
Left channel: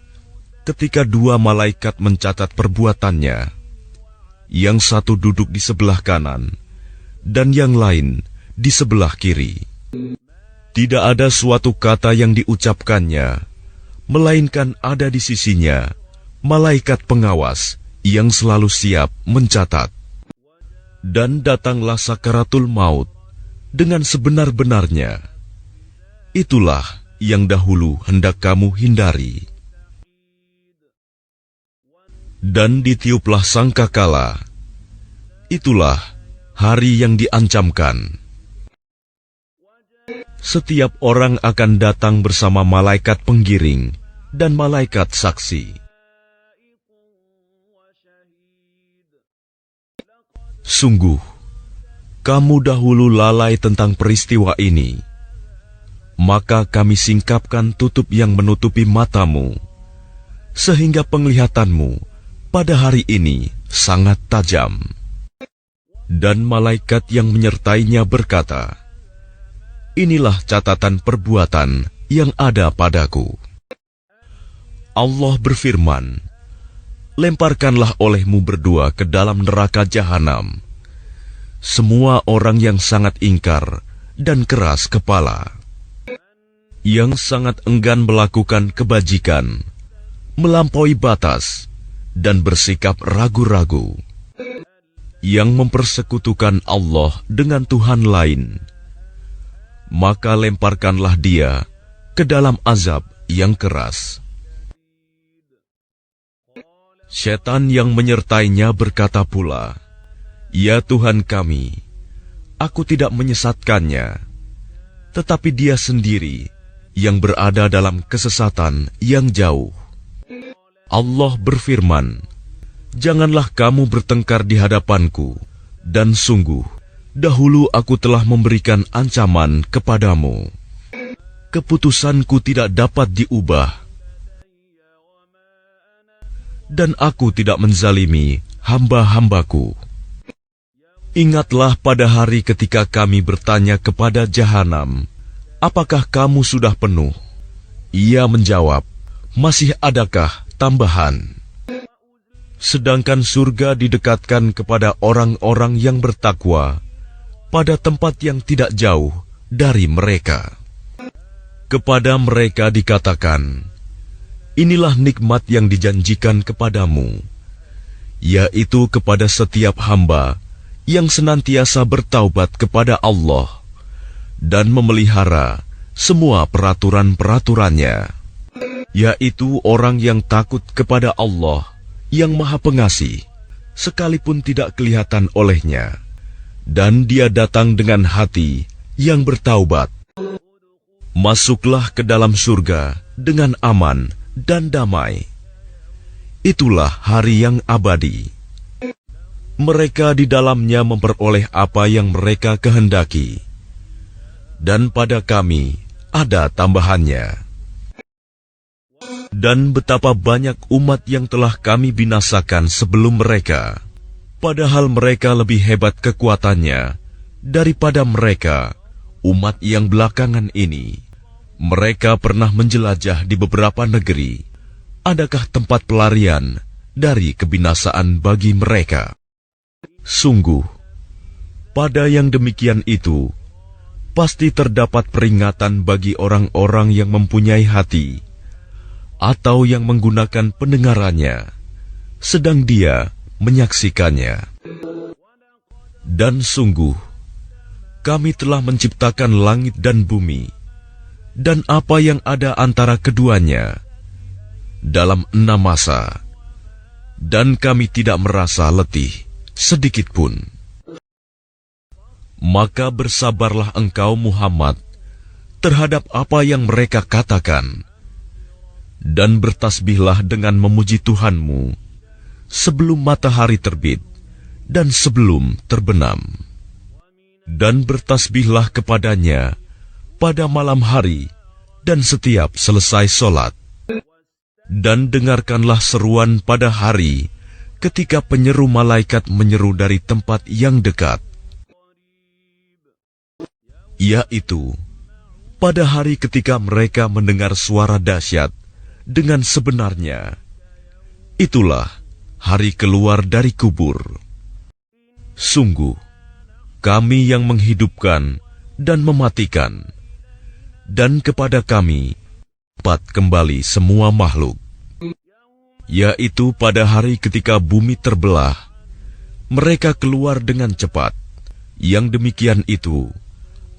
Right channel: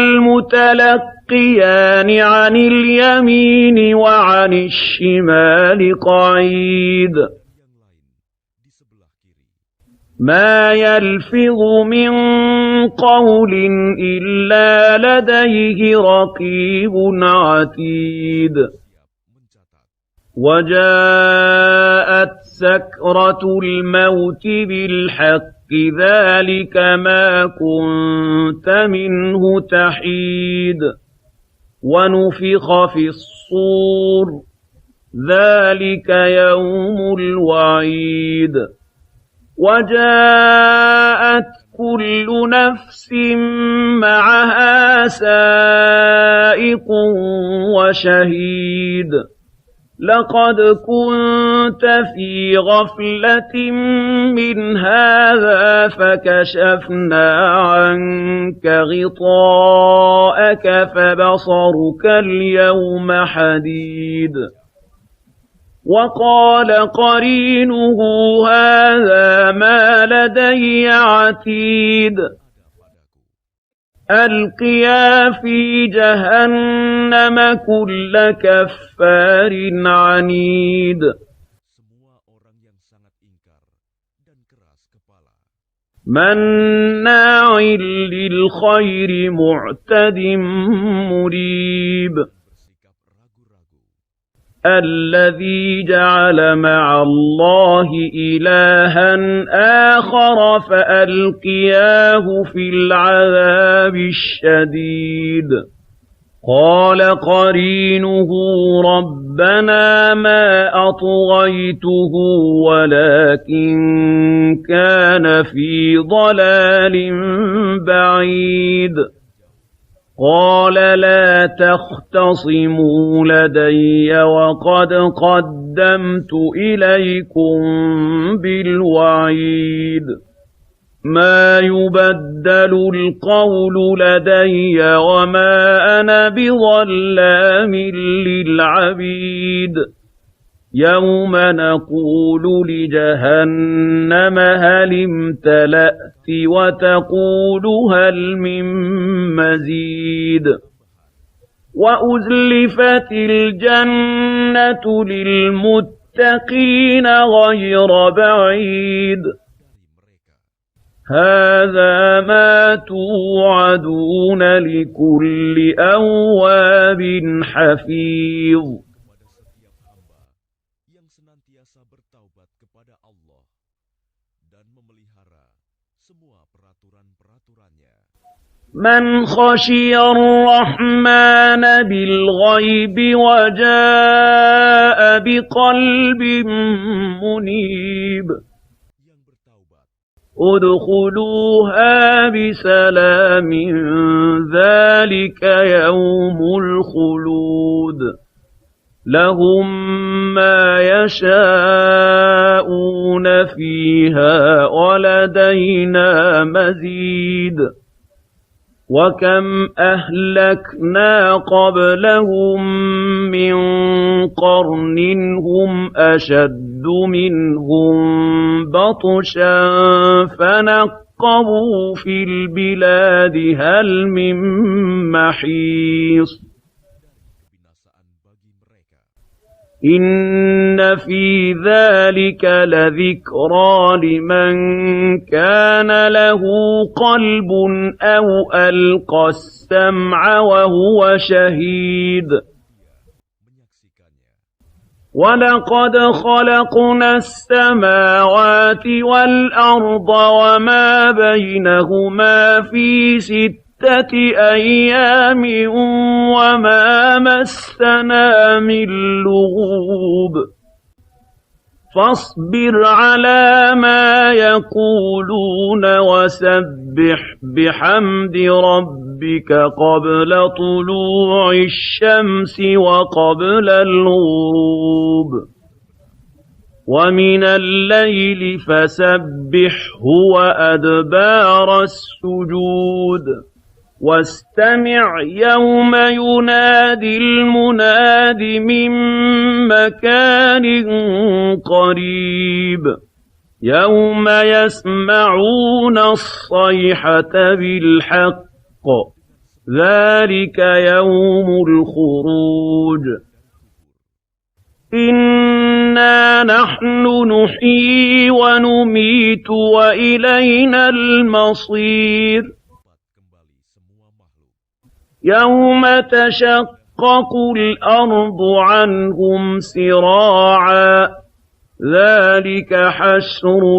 ketika dua malaikat الْمُتَلَقِّيَانِ mencatat عَنِ perbuatannya, الْيَمِينِ وَعَنِ yang satu duduk di الشِّمَالِ sebelah kanan قَعِيدٌ dan yang lain di sebelah kiri. مَا Tidak ada suatu يَلْفِظُ kata yang مِنْ diucapkannya, قَوْلٍ melainkan إِلَّا ada di sisinya لَدَيْهِ رَقِيبٌ malaikat pengawas yang عَتِيدٌ selalu siap mencatat. Dan وَجَاءَتْ datanglah sakaratul maut سَكْرَةُ dengan الْمَوْتِ sebenar-benarnya. بِالْحَقِّ ذَلِكَ Itulah مَا yang dahulu hendak kamu كُنْتَ hindari. مِنْهُ تَحِيدٌ وَنُفِخَ Dan فِي ditiuplah الصُّورِ sangkakala. Itulah ذَلِكَ يَوْمُ hari yang diancamkan. الْوَعِيدِ Setiap orang akan datang bersama malaikat penggiring dan malaikat saksi. Sungguh, kamu dahulu lalai tentang peristiwa ini, maka kami singkapkan tutup yang menutupi matamu, sehingga penglihatanmu pada hari ini sangat tajam. Dan malaikat yang menyertainya berkata, inilah catatan perbuatan yang ada padaku. Allah berfirman, lemparkanlah olehmu berdua ke dalam neraka jahanam semua orang yang sangat ingkar dan keras kepala, yang sangat enggan melakukan kebajikan, melampaui batas, dan bersikap ragu-ragu, yang mempersekutukan Allah dengan Tuhan lain. Maka lemparkanlah dia ke dalam azab yang keras. Setan yang menyertainya berkata pula, ya Tuhan kami, aku tidak menyesatkannya, tetapi dia sendiri yang berada dalam kesesatan yang jauh. Allah berfirman, janganlah kamu bertengkar di hadapanku, dan sungguh, dahulu aku telah memberikan ancaman kepadamu. Keputusanku tidak dapat diubah, dan aku tidak menzalimi hamba-hambaku. Ingatlah pada hari ketika kami bertanya kepada jahanam, apakah kamu sudah penuh? Ia menjawab, masih adakah tambahan? Sedangkan surga didekatkan kepada orang-orang yang bertakwa pada tempat yang tidak jauh dari mereka. Kepada mereka dikatakan, inilah nikmat yang dijanjikan kepadamu, yaitu kepada setiap hamba yang senantiasa bertaubat kepada Allah dan memelihara semua peraturan-peraturannya, yaitu orang yang takut kepada Allah yang Maha Pengasih, sekalipun tidak kelihatan olehnya, dan dia datang dengan hati yang bertaubat. Masuklah ke dalam surga dengan aman dan damai. Itulah hari yang abadi. Mereka di dalamnya memperoleh apa yang mereka kehendaki, dan pada kami ada tambahannya. Dan betapa banyak umat yang telah kami binasakan sebelum mereka, padahal mereka lebih hebat kekuatannya daripada mereka. Umat yang belakangan ini, mereka pernah menjelajah di beberapa negeri. Adakah tempat pelarian dari kebinasaan bagi mereka? Sungguh, pada yang demikian itu, pasti terdapat peringatan bagi orang-orang yang mempunyai hati atau yang menggunakan pendengarannya, sedang dia menyaksikannya. Dan sungguh, kami telah menciptakan langit dan bumi, dan apa yang ada antara keduanya dalam 6 masa, dan kami tidak merasa letih sedikit pun. Maka bersabarlah engkau Muhammad terhadap apa yang mereka katakan, dan bertasbihlah dengan memuji Tuhanmu sebelum matahari terbit dan sebelum terbenam. Dan bertasbihlah kepadanya pada malam hari dan setiap selesai sholat. Dan dengarkanlah seruan pada hari ketika penyeru malaikat menyeru dari tempat yang dekat, yaitu pada hari ketika mereka mendengar suara dahsyat dengan sebenarnya. Itulah hari keluar dari kubur. Sungguh, kami yang menghidupkan dan mematikan, dan kepada kami dapat kembali semua makhluk. Yaitu pada hari ketika bumi terbelah, mereka keluar dengan cepat. Yang demikian itu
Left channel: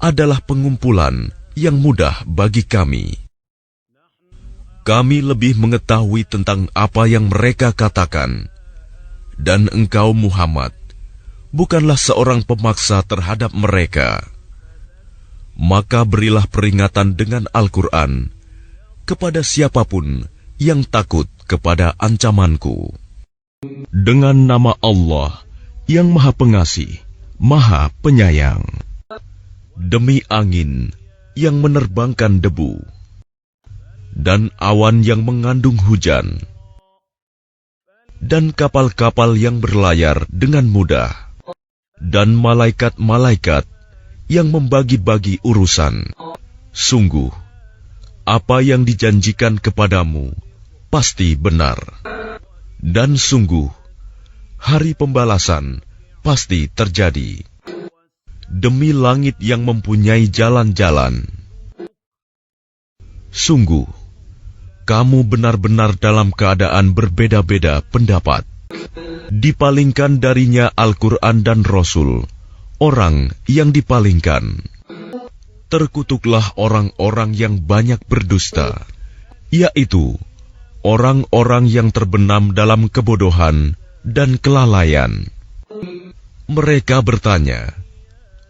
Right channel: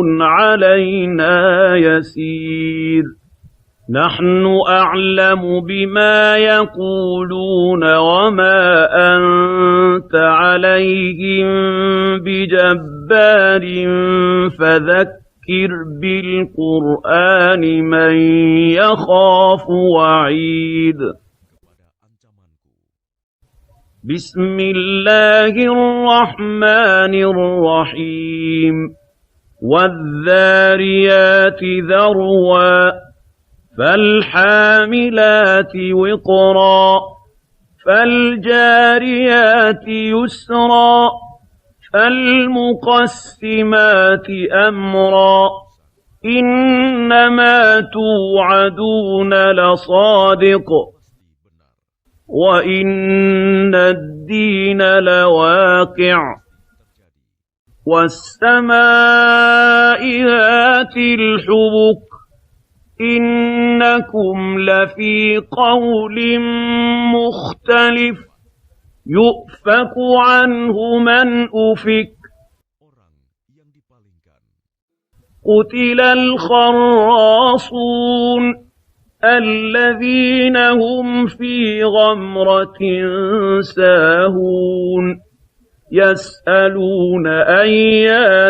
adalah pengumpulan yang mudah bagi kami. Kami lebih mengetahui tentang apa yang mereka katakan, dan engkau Muhammad bukanlah seorang pemaksa terhadap mereka. Maka berilah peringatan dengan Al-Quran kepada siapapun yang takut kepada ancamanku. Dengan nama Allah yang Maha Pengasih, Maha Penyayang. Demi angin yang menerbangkan debu dan awan yang mengandung hujan, dan kapal-kapal yang berlayar dengan mudah, dan malaikat-malaikat yang membagi-bagi urusan. Sungguh, apa yang dijanjikan kepadamu pasti benar. Dan sungguh, hari pembalasan pasti terjadi. Demi langit yang mempunyai jalan-jalan, sungguh, kamu benar-benar dalam keadaan berbeda-beda pendapat. Dipalingkan darinya Al-Quran dan Rasul, orang yang dipalingkan. Terkutuklah orang-orang yang banyak berdusta, yaitu orang-orang yang terbenam dalam kebodohan dan kelalaian. Mereka bertanya,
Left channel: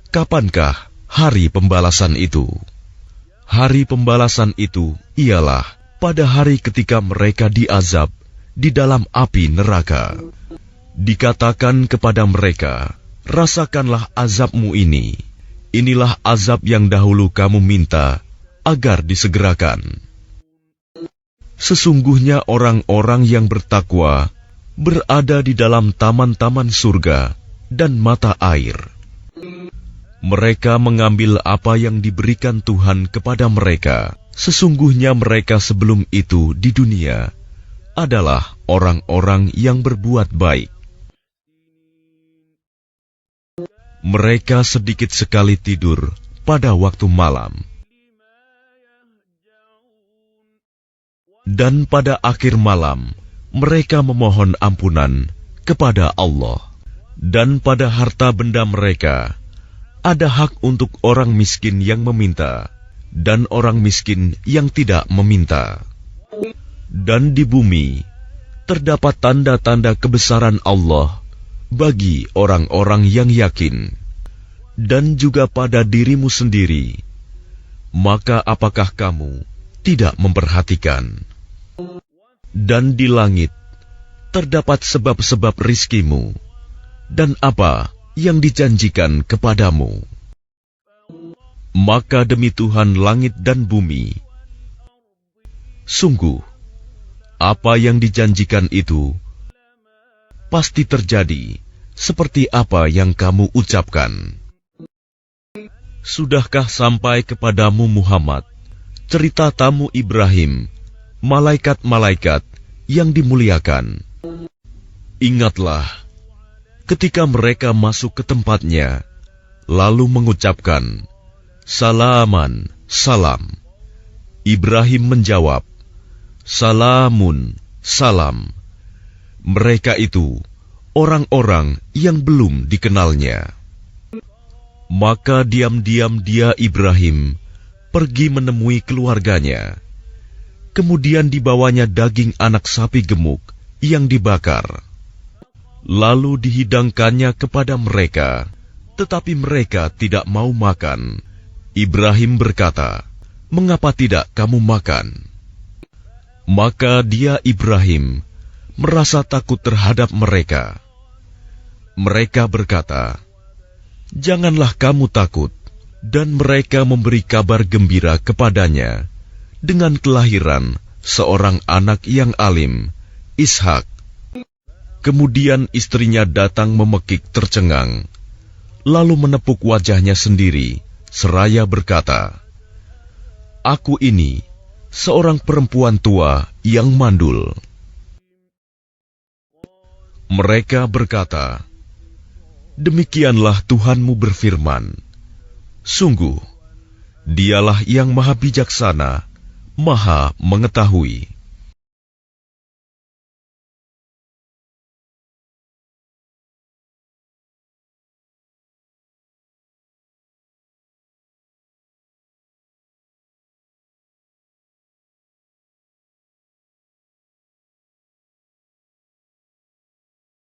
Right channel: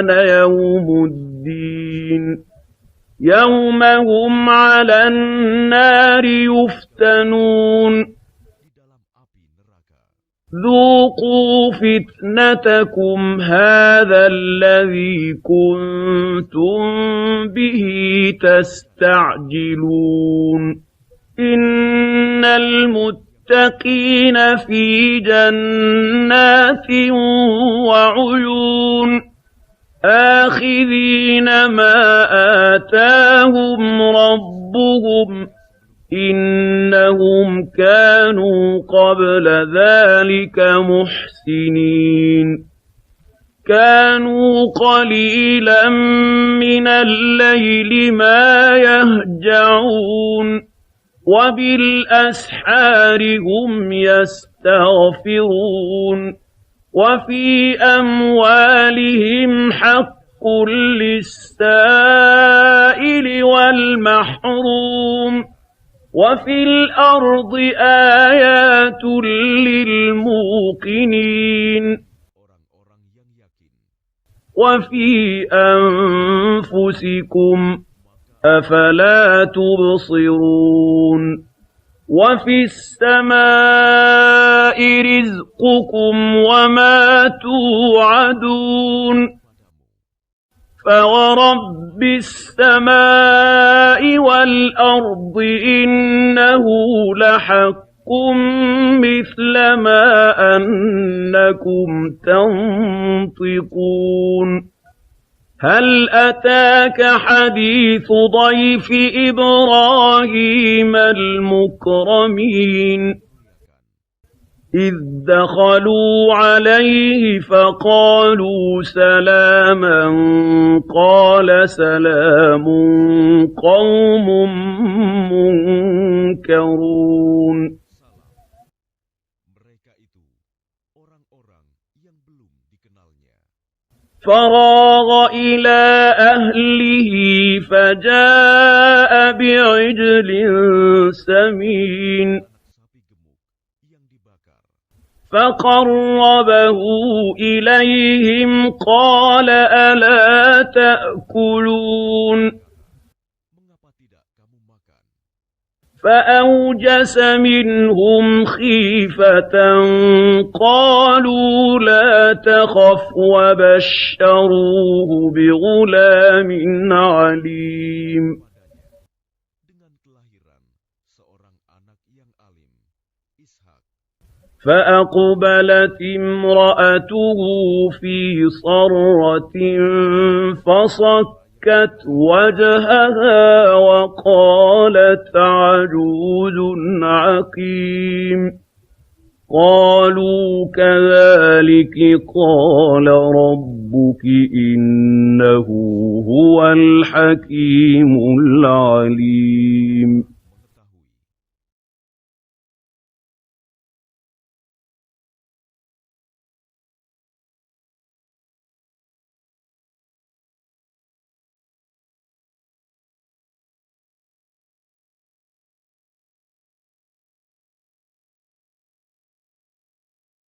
kapankah hari pembalasan itu? Hari pembalasan itu ialah pada hari ketika mereka diazab di dalam api neraka. Dikatakan kepada mereka, rasakanlah azabmu ini. Inilah azab yang dahulu kamu minta agar disegerakan. Sesungguhnya orang-orang yang bertakwa berada di dalam taman-taman surga dan mata air. Mereka mengambil apa yang diberikan Tuhan kepada mereka. Sesungguhnya mereka sebelum itu di dunia adalah orang-orang yang berbuat baik. Mereka sedikit sekali tidur pada waktu malam. Dan pada akhir malam mereka memohon ampunan kepada Allah. Dan pada harta benda mereka ada hak untuk orang miskin yang meminta dan orang miskin yang tidak meminta. Dan di bumi terdapat tanda-tanda kebesaran Allah bagi orang-orang yang yakin. Dan juga pada dirimu sendiri, maka apakah kamu tidak memperhatikan? Dan di langit terdapat sebab-sebab rizkimu dan apa yang dijanjikan kepadamu. Maka demi Tuhan langit dan bumi, sungguh apa yang dijanjikan itu pasti terjadi seperti apa yang kamu ucapkan. Sudahkah sampai kepadamu Muhammad cerita tamu Ibrahim, malaikat-malaikat yang dimuliakan? Ingatlah ketika mereka masuk ke tempatnya, lalu mengucapkan, Salaman, salam. Ibrahim menjawab, Salamun, salam. Mereka itu orang-orang yang belum dikenalnya. Maka diam-diam dia Ibrahim pergi menemui keluarganya. Kemudian dibawanya daging anak sapi gemuk yang dibakar. Lalu dihidangkannya kepada mereka, tetapi mereka tidak mau makan. Ibrahim berkata, mengapa tidak kamu makan? Maka dia Ibrahim merasa takut terhadap mereka. Mereka berkata, "Janganlah kamu takut." Dan mereka memberi kabar gembira kepadanya dengan kelahiran seorang anak yang alim, Ishak. Kemudian istrinya datang memekik tercengang, lalu menepuk wajahnya sendiri, seraya berkata, "Aku ini seorang perempuan tua yang mandul." Mereka berkata, "Demikianlah Tuhanmu berfirman, sungguh, Dialah yang Maha Bijaksana, Maha Mengetahui."